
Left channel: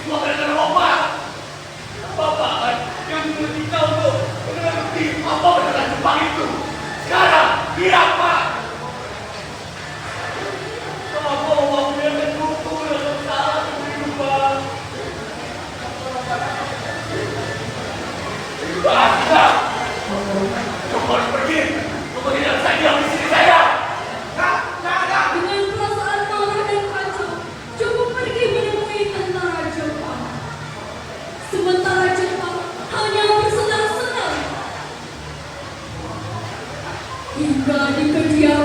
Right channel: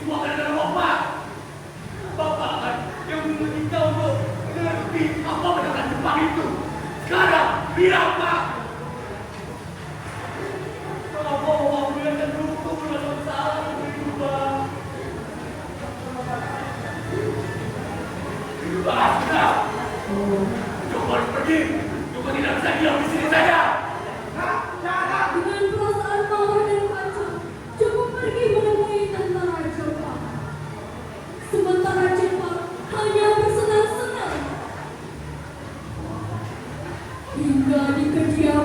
Itu akan ada Bapak. Bapak yang mengerti kau untuk mengerti apa benar Jepang itu. Sekarang, bilang Pak. Bapak mau biarkan buku dalam saat kehidupan. Basta! Kamu harus pergi. Kamu tidak bisa diam di sini saya. Dengan perasaan marah dan kacau, cukup pergi menemui tentara Jepang. Sementara Jepang hanya bersenang-senang hingga di kediaman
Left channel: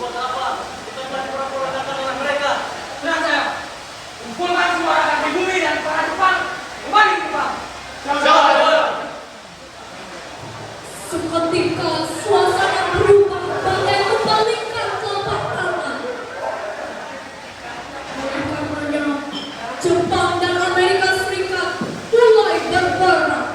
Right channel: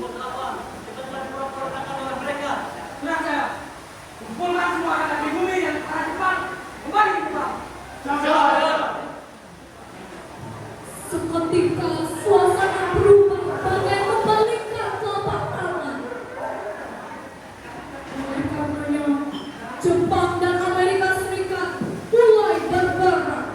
buat apa? Kita cuma pura-pura datang dengan mereka. Tenang saja. Kumpulkan semua rakyat di bumi dan para Jepang kembali ke Jepang. Seketika suasana berubah bagai membalingkan telapak tangan. Karenanya Jepang dan Amerika Serikat mulai berperang.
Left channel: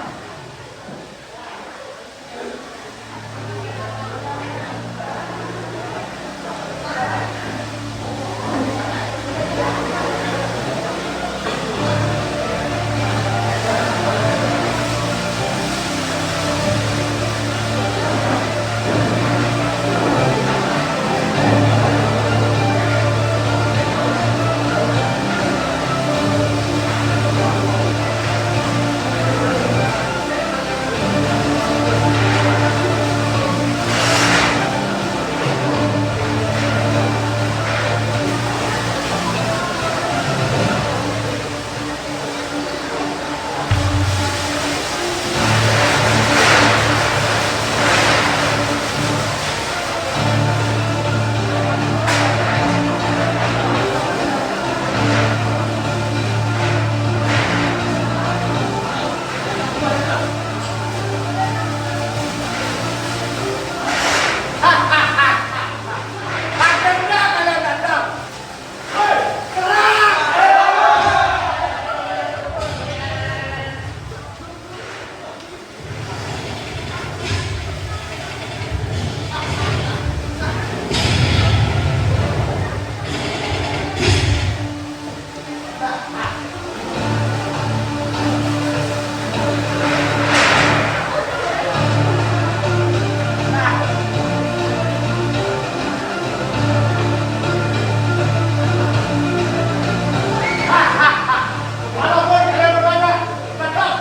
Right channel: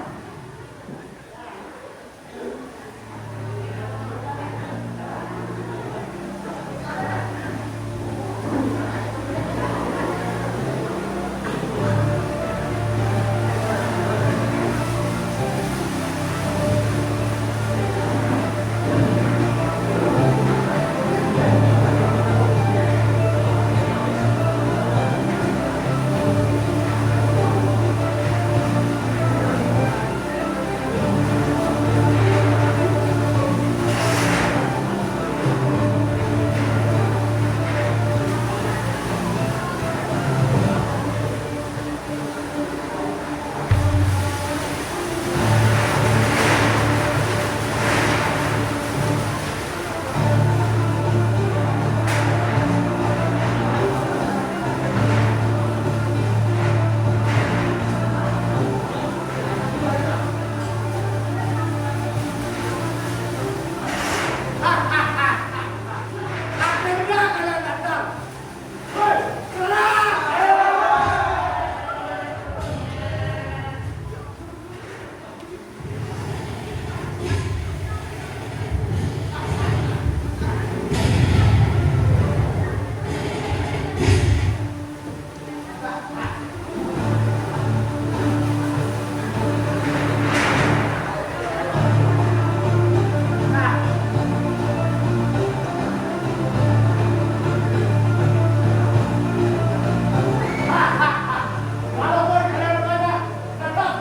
Walaupun kalian bertanya, tetap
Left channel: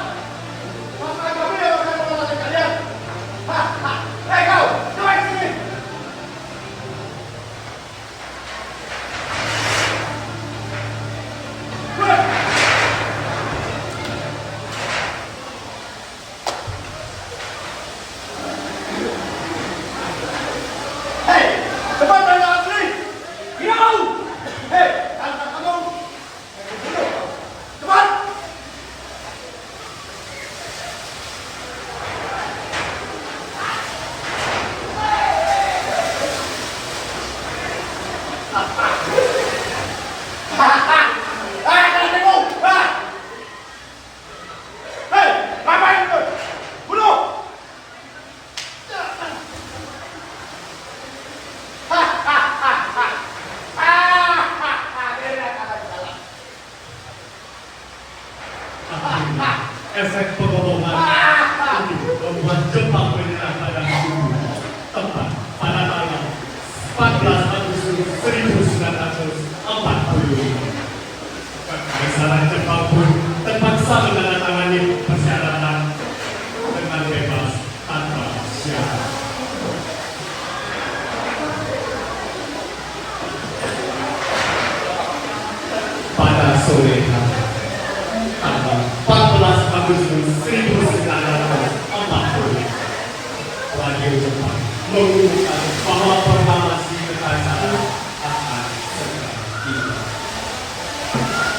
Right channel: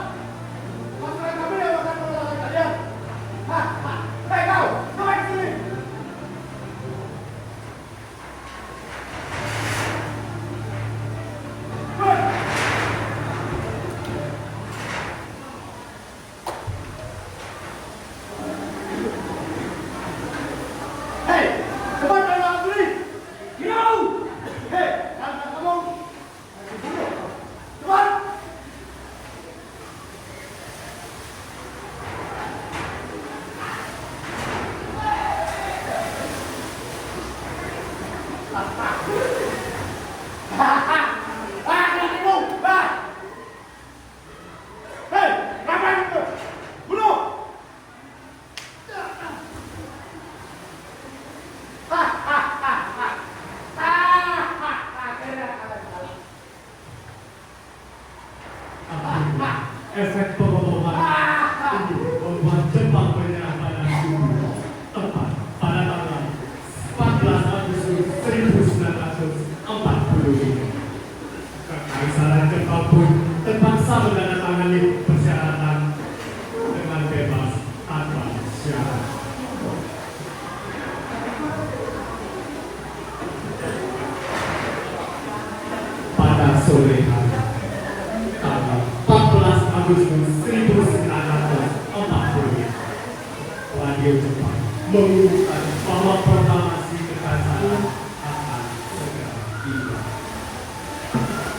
masalah kami yang akan mengalahkan kalian. Hei kau, keluar ke sini. Keluar. Hei, cepat kalian angkat diri. Tidak mau. Hei, angkat kamu. Aku bunuh kau. Cepat. Kalian tengok. Hei, ngapain itu? Bunuh. Efek pengeboman ini membuat Jepang menyerah pada musuh tepat pada tanggal 14 Agustus 1945. Kekaisaran Jepang pun terpaksa menandatangani persyaratan dengan bebas tanpa syarat. Pada sore hari tanggal 14 Agustus 1940, Radio Jepang mengumumkan bahwa proklamasi kekaisaran akan segera tiba.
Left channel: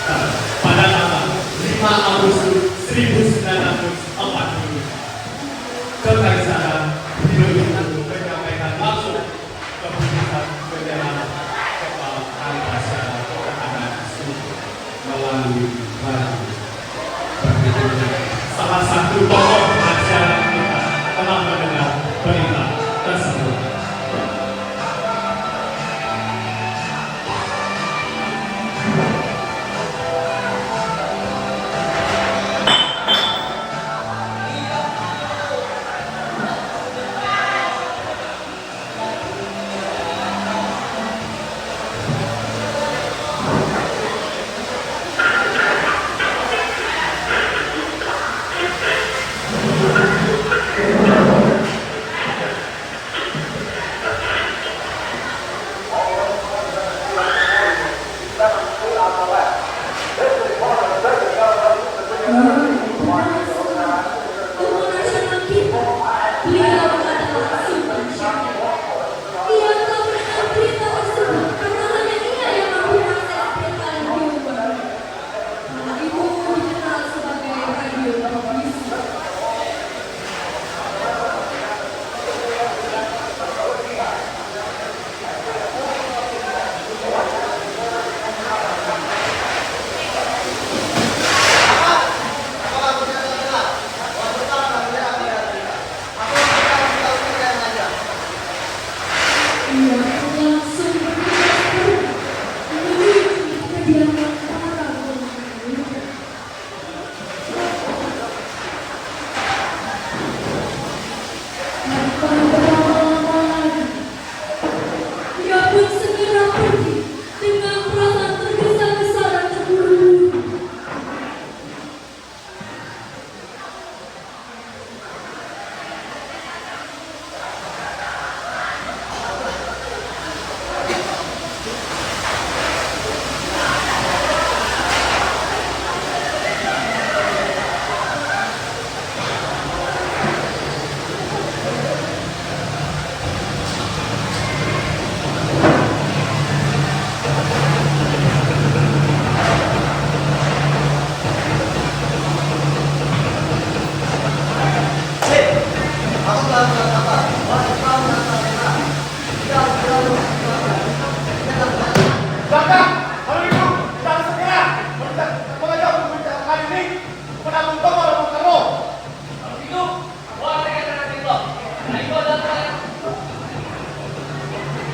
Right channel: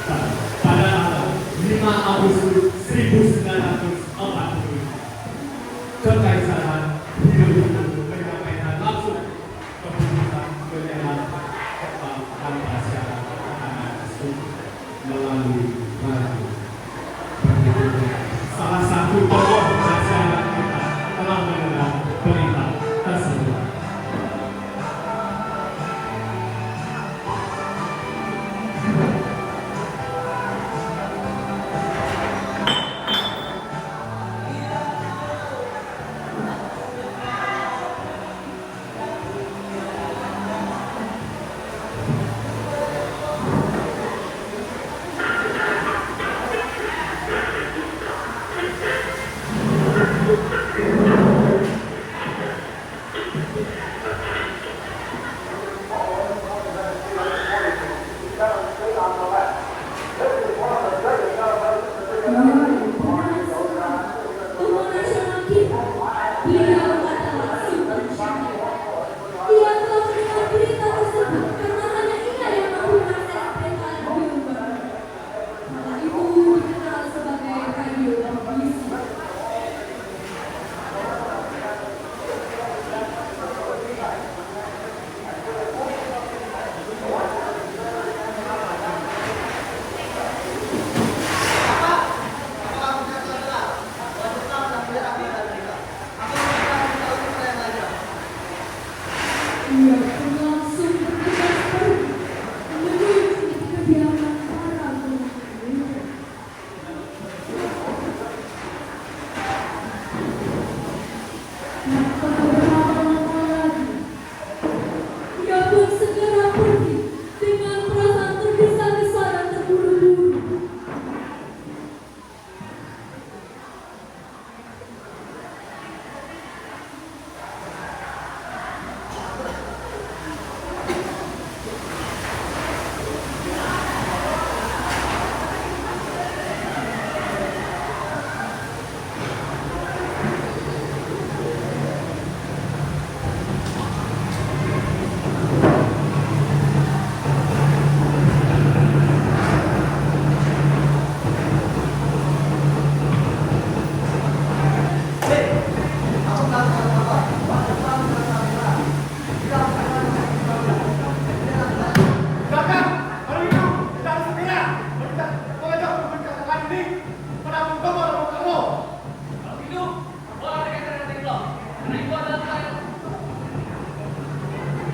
Dan pada tanggal 5 Agustus 1940, kekaisaran begitu menyampaikan langsung keputusan menyerang Jepang tanpa syarat tekanan melalui radio. Salah satu tokoh masyarakat kita telah mendengar berita tersebut. Ia pun langsung bergegas pergi menuju kediaman para golongan muda. Tanpa berlama-lama lagi, ia pun segera pergi dengan perasaan tergesa-gesa dan terburu-buru. Raka, kalau itu kita harus segera mengajak pembicaraan ini menanggung bapak dan kamu. Kalau gitu, bawa mereka ke ranting blok. Karena itu adalah tangan.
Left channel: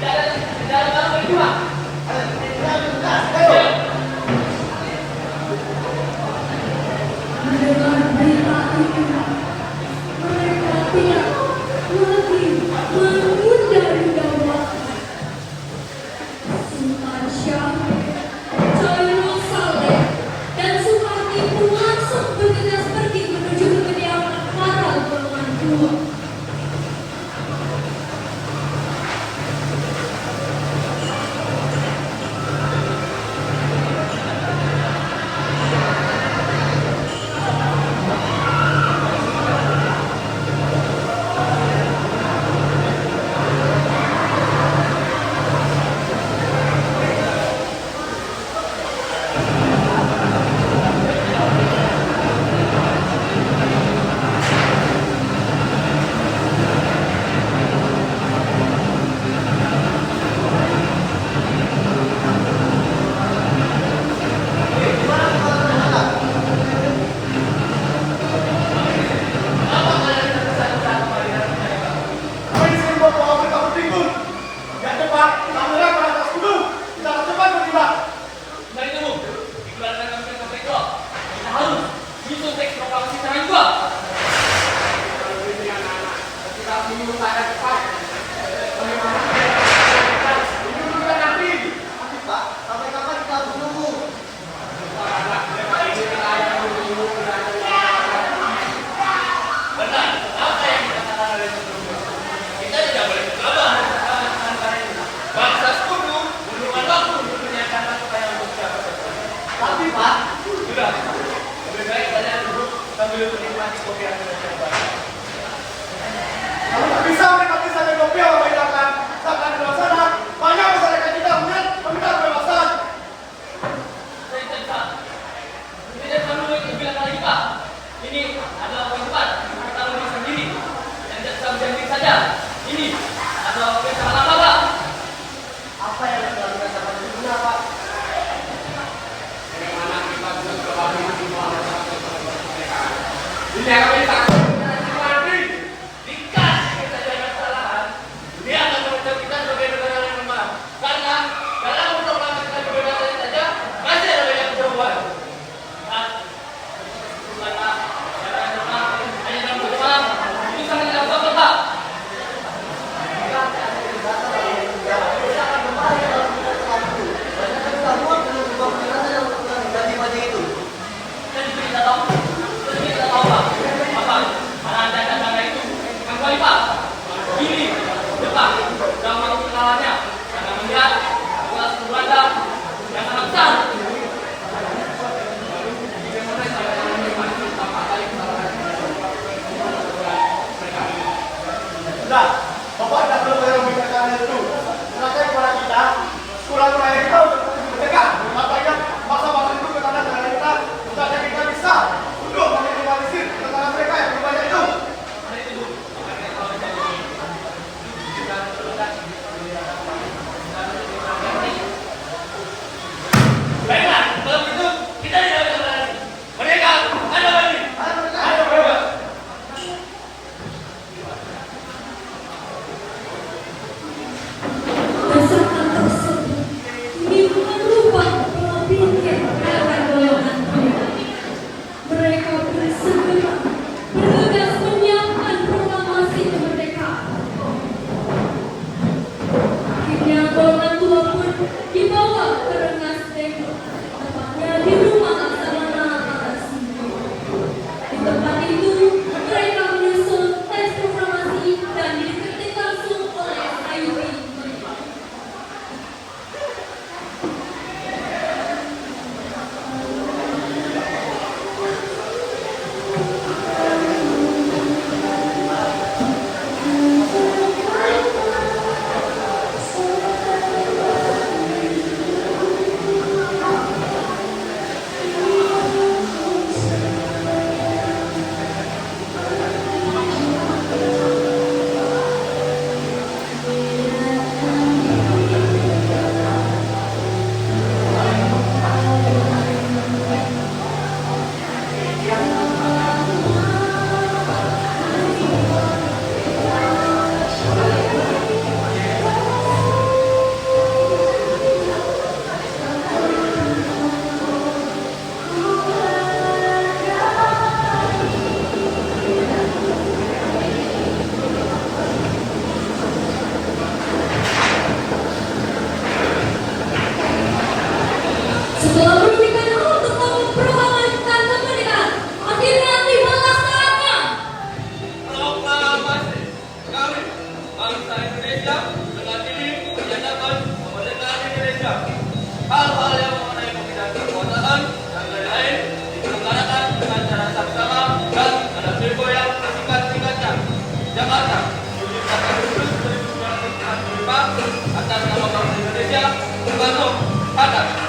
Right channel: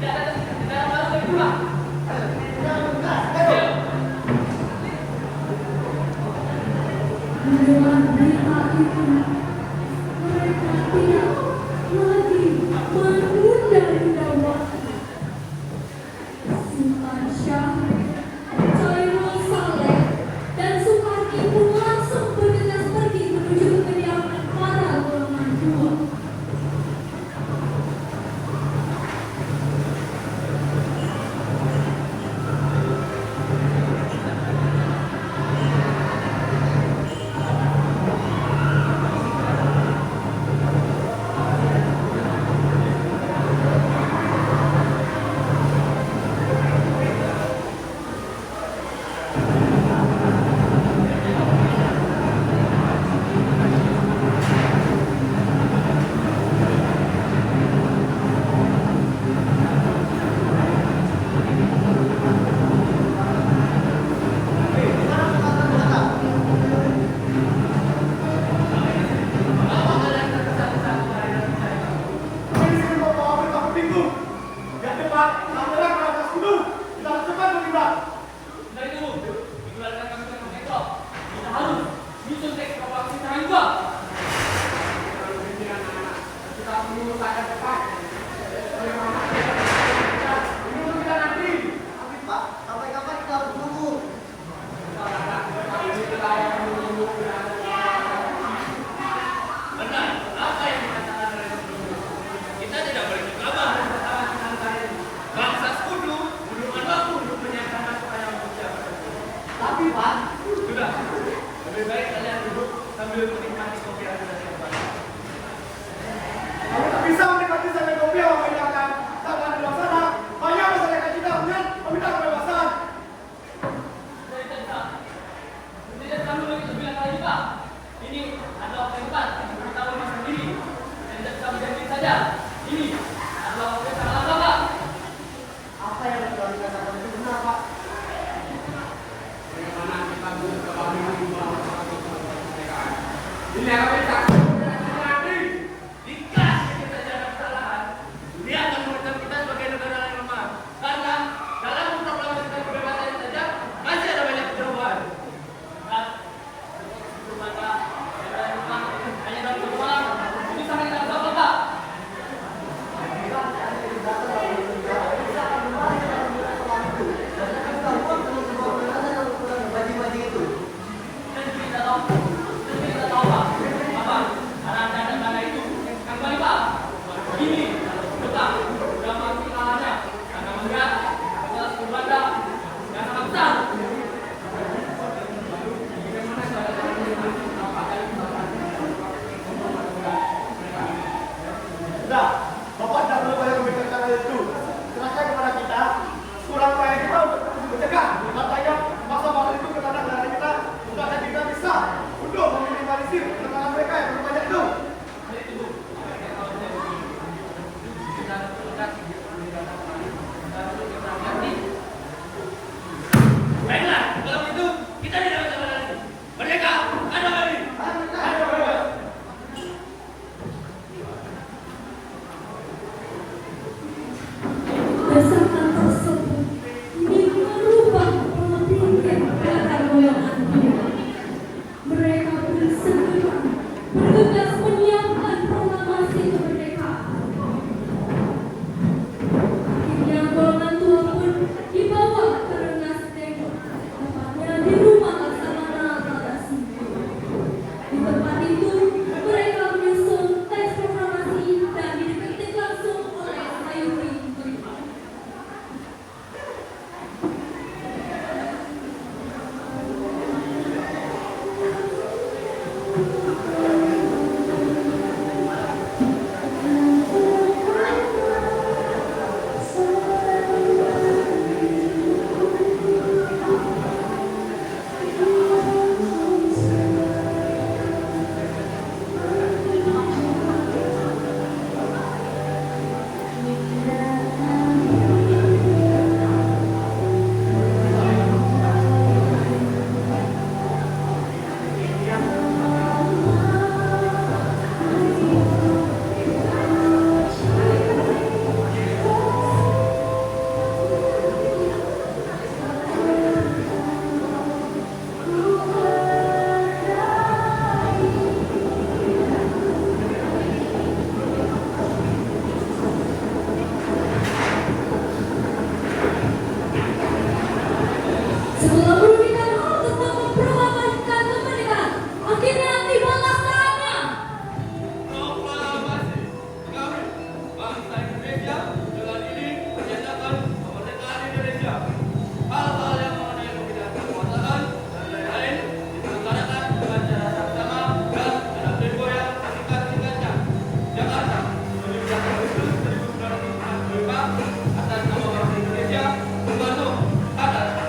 Tidak ada barang yang dua. Mendengar berita itu, mereka tidak lagi menunda-nunda waktu. Sultan Syah, Chairul Saleh, dan Sukarti pun langsung bergegas pergi menuju ke kediaman para golongan dua. Kami di sini mau mengambil kamu pinggul. Yang cepat, kita menyerang ke atas gunung. Kita harus cepat bergerak. Nah itu, dikeluarkan kami ke blok. Kita harus menyusun teks proklamasi serangan juga. Kalau begini anak-anak, kita bingung keadaan cepat. Ini dulu kita nanti. Tapi Pak, sampai kapan kita harus menunggu? Ini kita akan menunggu keadaan. Benar, apa yang dikatakan oleh sebelumnya? Kita tidak boleh berkabar. Bangsa sekutu membutuhkan waktu untuk menyiapkan supaya untuk siapa saja. Tapi Pak, Sudah, lebih baik kalian duduk sambil menikmati kopi yang sudah siapkan. kalau tak bisa mereka bisa kopi yang membedakan. Sedangkan di luar sana, banyak masyarakat kita kemudian meminta kebebasan. Saya tidak. Tidak kamu itu bilang lagi Pak. Ini adalah tempat kita bisa sendiri. Dan tidak bisa sendiri saja. Ini adalah kesalahan Bapak. Apa yang sudah kita sampaikan itu benar, Pak? Bagaimana kita bisa berbagi di bawah masyarakat mereka? Ini yang kami takut. Dikasih kita ada kesalahan, dia akan mengancam kita sebagai negara yang lemah. Karena dalam proklamasi kita kebebasan saja masih ada banyak perubahan. Mana yang lemah hanya dalam perjuangan itu sangat tidak bagus Pak. Dan kita tahu Pak, apa? Karena ada tanda itu, kembali Pak. Ini Bapak sudah mau kesalahannya karena melihat kelas berbanda yang sangat besar. Sudah, Bapak tidak perlu memikirkan itu. Serahkan kepada kita, kurang-kurangnya kita untuk mencegah. Apa yang masa-masa itu ke tanah negara kita, bukannya kita bisa untuk meminimalisir tekanan mereka yang lebih banyak itu. Baiklah, kalau begitu kita tidak bisa lagi. Mereka ada lagi. Ayo, mereka. Pak, atas nama Bank Indonesia, Bung Karno, hadap.